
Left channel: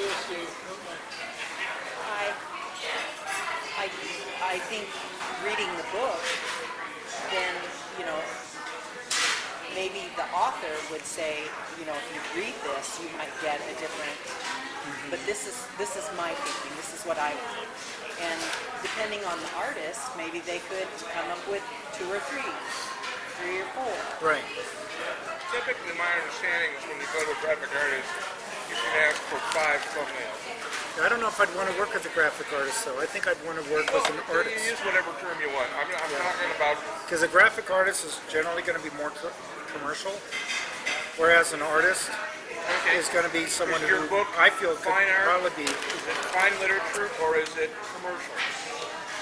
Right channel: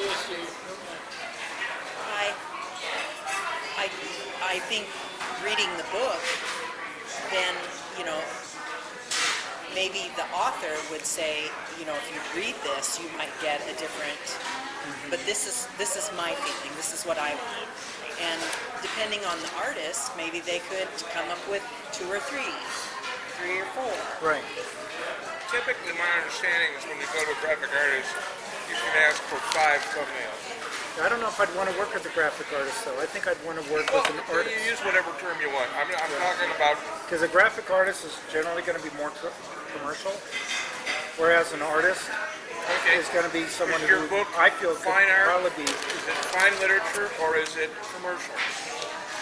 I think reading the book, then, you know, maybe the author would say, you know, if you read this, you might get a different. But this is my thinking. This is what I want. And depending on the artist, maybe they could come up with 2 or 3 or 4. Right. Typically, my understanding is when you go to a graphic artist, you can ask for 5 thumbnails. I don't know if I'd want to work with a graphic artist, though. I think I'd want to work with an You artist. use whatever term you want. I'm talking about. Because a graphic artist is generally going to be more commercial, whereas an artist is going to be someone Is your who book I feel could fine art? probably be. Is it fine literature or is it commercial?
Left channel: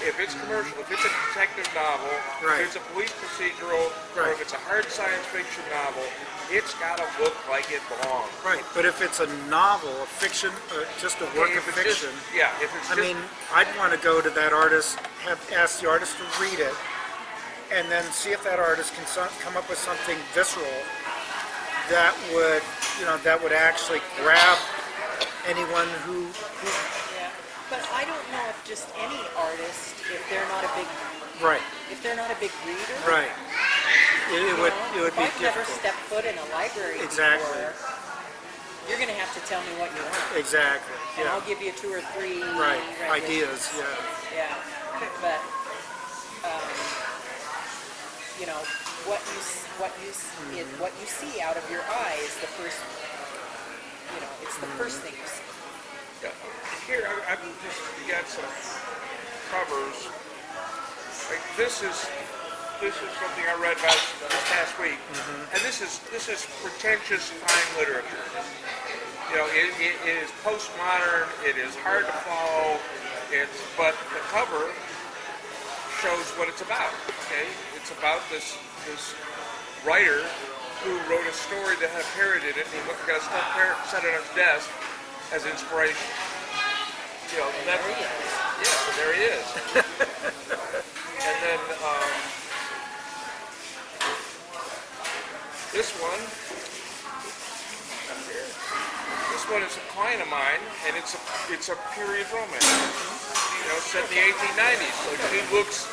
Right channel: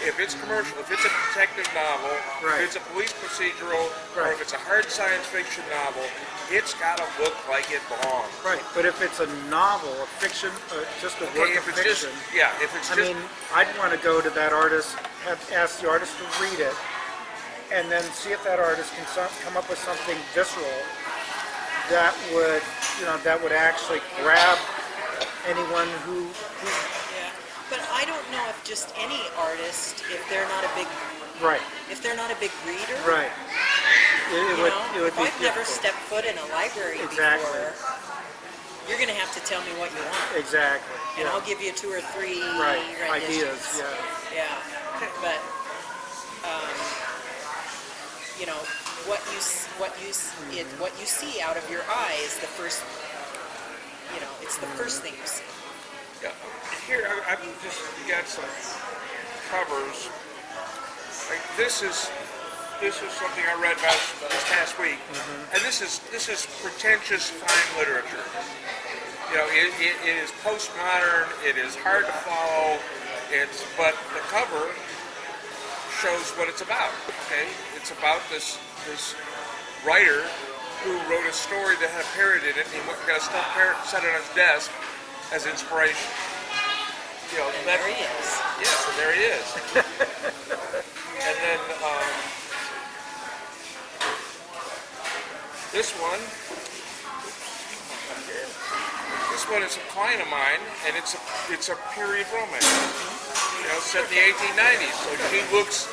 If it's commercial, if it's a detective novel, Right. if it's a police procedural, or Right. if it's a hard science fiction novel, it's got to look like it belongs. Right, but if it's a novel, a fiction, or just a work of If it's just, fiction, if it's I just, mean, I'd want to go to that artist, ask the artist to read it, and then see if that artist can come up with something visceral that would actually grab anyone who Yeah. But I don't know if just any artist, if they're not a big right, reader. right. It would If be I've never difficult. stepped foot in a library Exactly. before, you're going to have to tell me what you want. Exactly. And Yeah. I'll give you 2 or 3 Right. renditions. Ideas. Yeah. Yeah. But, you know, what you see out of your eye is the first, you know, it's the first thing you see. here, I've just got some covers. Like this is something I read this past week, and this is pretentious fine literature. You know, it is postmodern. It is hard to follow. But the cover shows what it's about. Okay, it's about this writer who wrote a story that had parroted it, and he got a stuffed parrot set it on his desk as inspiration. You know, There he is. yeah, so there he is. And then this one is a client of mine, and it's a period romance. You know, set in the 1890s. So he looks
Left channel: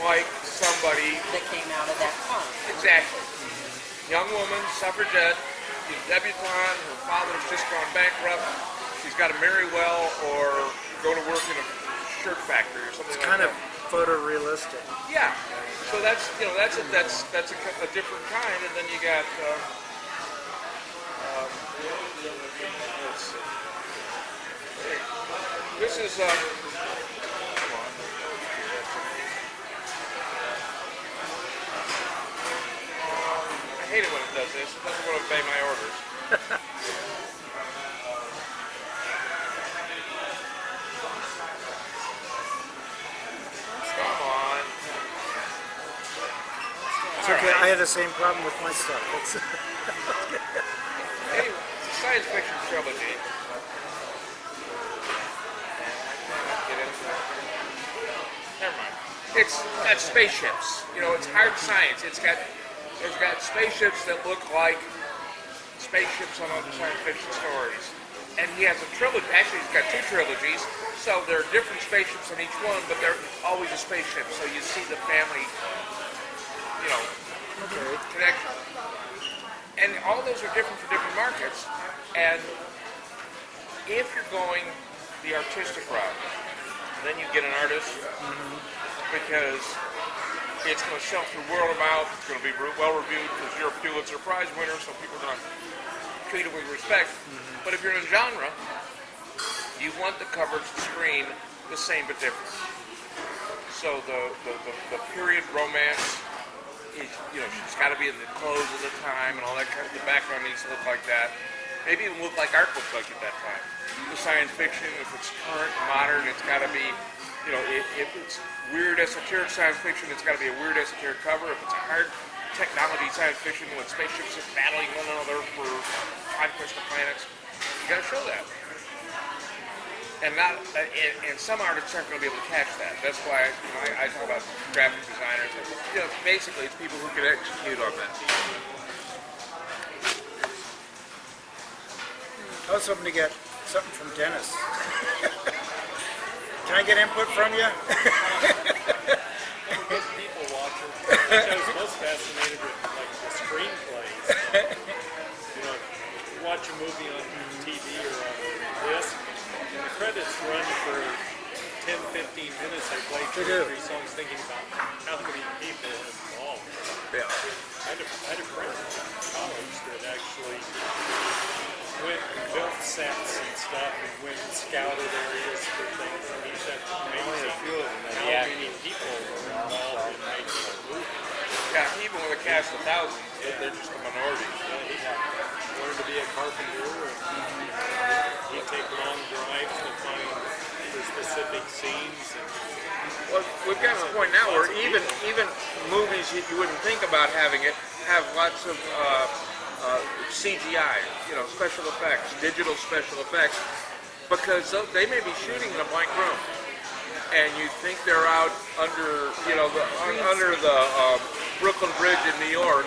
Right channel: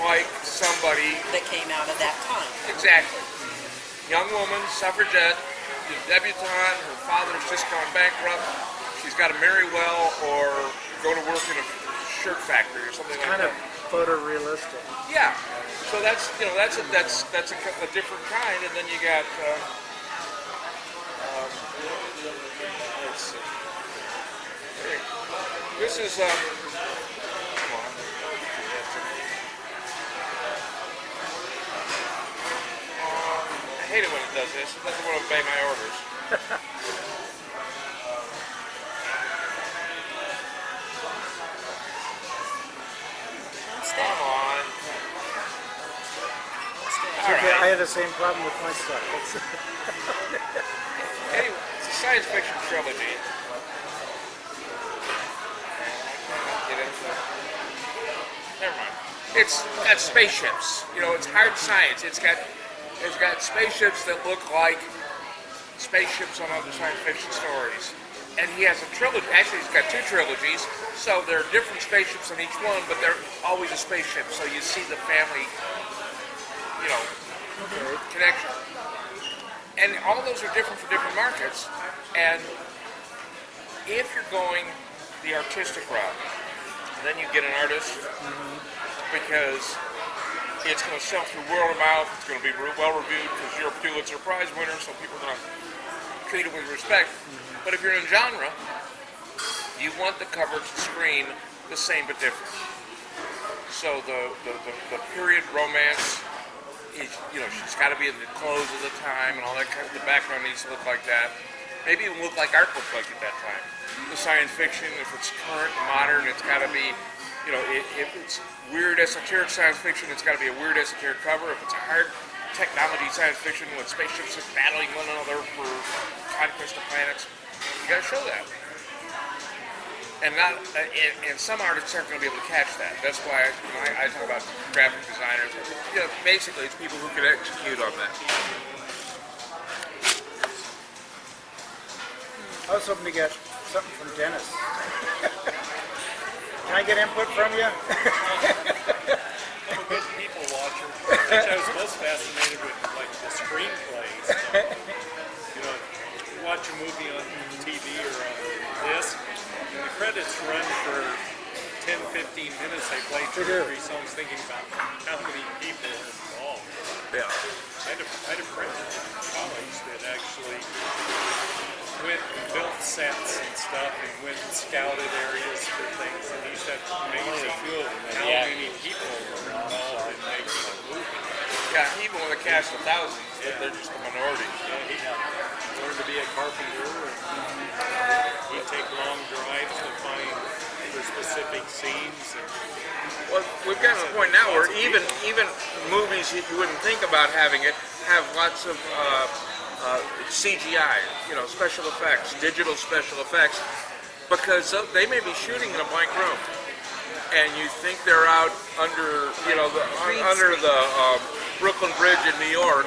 like somebody That came out of that time. exactly. Young woman, suffragette, she's a debutante. Her father's just gone bankrupt. She's got to marry well or go to work in a shirt factory or something It's like kind of that. photorealistic. Yeah. So that's a different kind, and then you got let's see. This is come on. I hate it when it does this. It doesn't want to obey my orders. Come on. It's okay. I have the same problem with my stuff. Anyway, it's a science fiction trilogy. Get into it. it's got spaceships. You know, it's hard science. It's got spaceships that look like spaceships on other science fiction stories. And he has a trilogy. Actually, he's got 2 trilogies. So there are different spaceships in each one, but they're always a spaceship. So you see the family, you know, connection. And all those are different for different markets. And if you're going the artistic route, then you get an artist because it's going to sell through word of mouth. It's going to be well reviewed because you're a Pulitzer Prize winner, so people are going to treat it with respect. But if you're in genre, you want the cover to screen the same but different. So the period romance is, you know, she's got to be in the clothes of the time and all that kind of, the background needs to look like that. Maybe even look like art books like at that time. The science fiction, if it's current, modern, it's got to be, you know, if it's weird esoteric science fiction, it's got to be a weird esoteric cover. If it's a hard technology science fiction with spaceships just battling one another for conquest of planets, you got to show that. And not, and some artists aren't going to be able to catch that. That's why, you know, I talk about graphic designers. You know, basically, it's people who can execute on that. I was hoping to get something from Dennis. Can I get input from you? I'm a good people watcher. I was most fascinated with like the screenplays. You know, you watch a movie on TV or on this, and the credits run for 10, 15 minutes. They play 2 or 3 songs thinking about how many people are involved. Yeah. I had a friend in college that actually went and built sets and stuff and went and scouted areas for things, and he said amazing how many people were involved in making a movie. Yeah, even with a cast of thousands, they're just a minority. Yeah, he learned to be a carpenter, and he'd take long drives to find the specific scenes. And Well, we've gotten to the point now where even movies you wouldn't think about having it have lots of CGI, you know, special effects, digital special effects, because they may be shooting in a blank room, and you think they're out under, you know, under the Brooklyn Bridge in New York,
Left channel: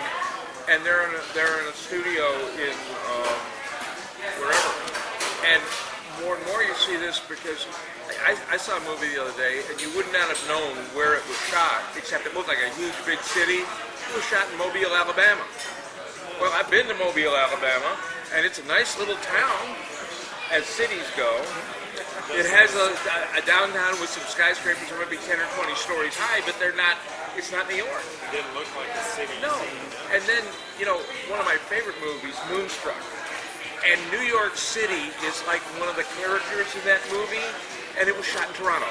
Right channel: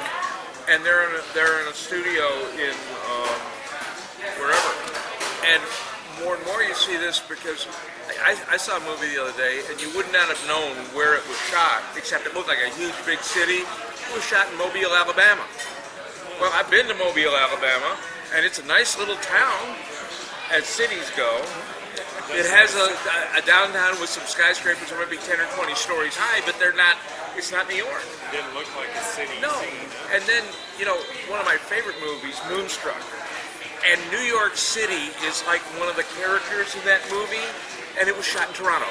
and they're in a studio in wherever, and more you see this because I saw a movie the other day, and you would not have known where it was shot, except it looked like a huge big city. It was shot in Mobile, Alabama. Well, I've been to Mobile, Alabama, and it's a nice little town, as cities go. It has a downtown with some skyscrapers that might be 10 or 20 stories high, but it's not New York. it didn't look like a city No. scene. And then, you know, one of my favorite movies, Moonstruck. And New York City is like one of the characters in that movie, and it was shot in Toronto.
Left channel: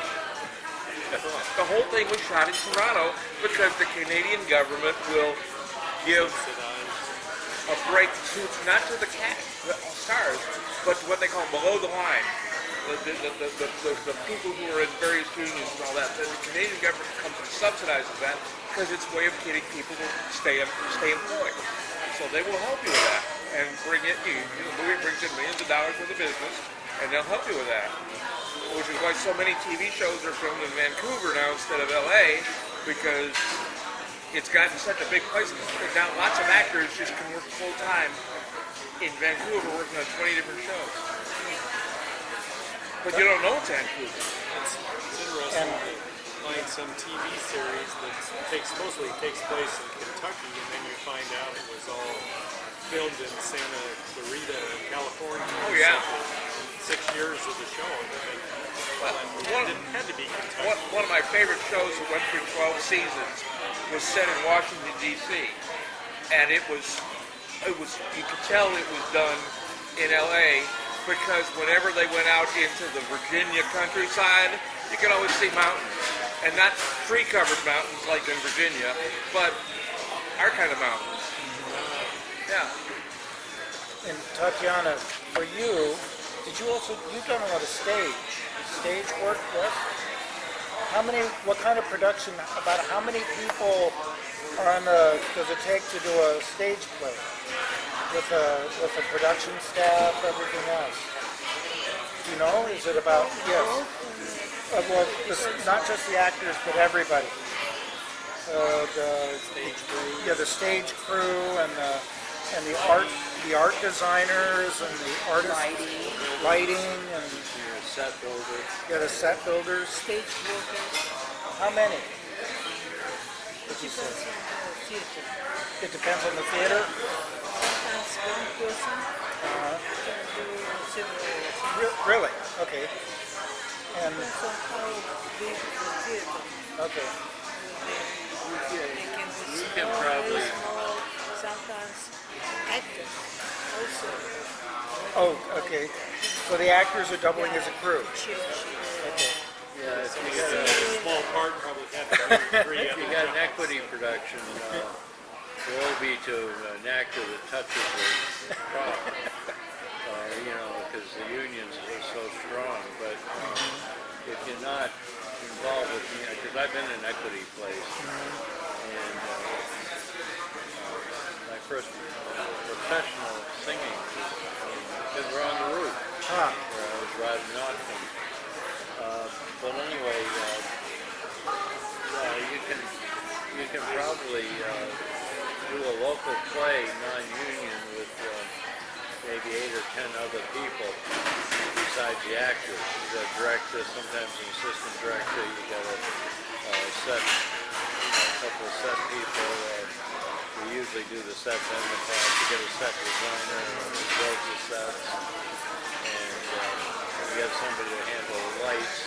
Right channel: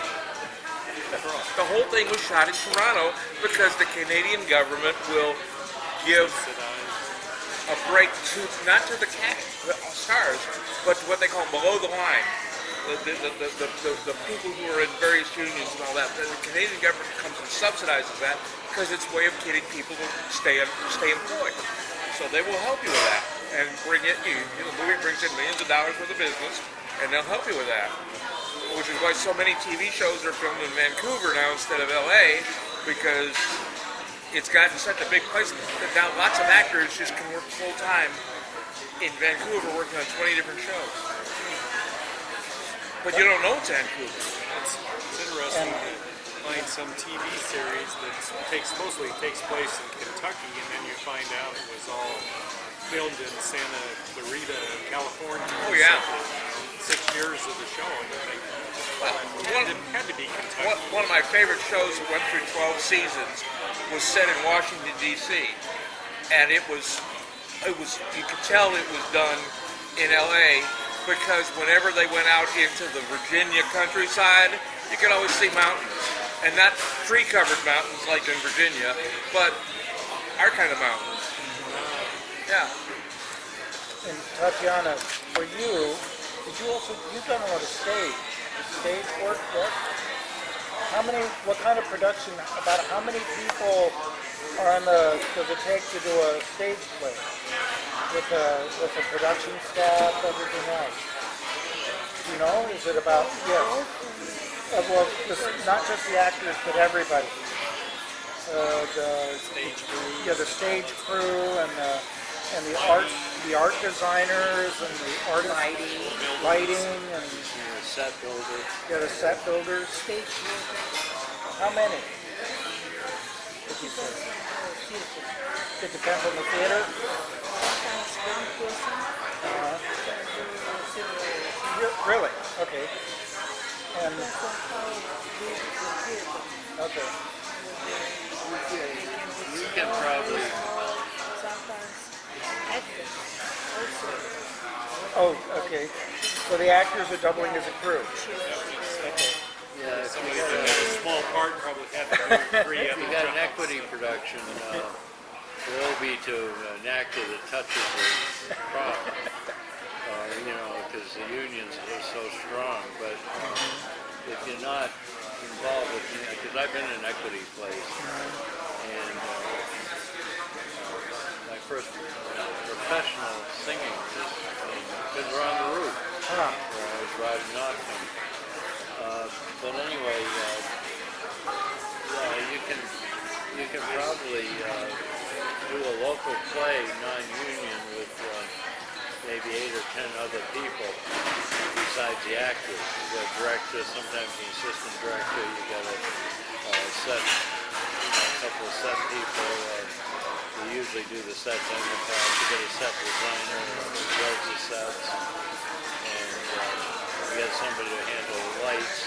The whole thing was shot in Toronto because the Canadian government will give a break to, not to the stars, but to what they call below the line. The people who are in various unions and all that. The Canadian government comes and subsidizes that because it's a way of getting people to stay employed. So they will help you with that and bring it. The movie brings in millions of dollars worth of business, and they'll help you with that. Which is why so many TV shows are filmed in Vancouver now instead of LA, because it's gotten such a big place. Now lots of actors just can work full time in Vancouver working on 20 different shows. But you don't know it's Vancouver. It's interesting to find some TV series that mostly takes place in Kentucky, and then you find out it was all filmed in Santa Clarita, California. Oh yeah. 6 years of the show, and it had to be Kentucky. One of my favorite shows that went through 12 seasons was set in Washington, D.C. And it was you could tell it was done in L.A. because whenever they went out into the Virginia countryside, you could always see mountains. And not tree-covered mountains like in Virginia, but our kind of mountains. Yeah. And Tatiana, for you, you've done a lot of stage work, yes? What kind of production, about how many people does it take to do a stage play? With a production staff, everything else? You know, is it about, yes. Well, not just the actors, but everybody. the stage crew and the art designers and the artist lighting and Set builder. the set builders. Stage workers. How many? Did you say? It depends on the theater. Sometimes one person can do several. Really? Okay. And Depends on how big the theater. okay. You can probably, Sometimes actors also. Oh, okay. So the actors are doubling as a crew. yeah, if you got A small part probably had to do 3 if other you got an equity production, will be to an actor that touches the prop, because the unions are so strong. But if you're not involved with, because I've been in equity place, and my first professional singing was in Fiddler on the Roof, where I was riding Nottingham. But anyway, you can probably do a local play, non-union, with maybe 8 or 10 other people besides the actors. You got a director, sometimes an assistant director. You got a couple of set people. We usually do the sets and the props. You get a set designer who builds the sets, and you get somebody to handle the lights.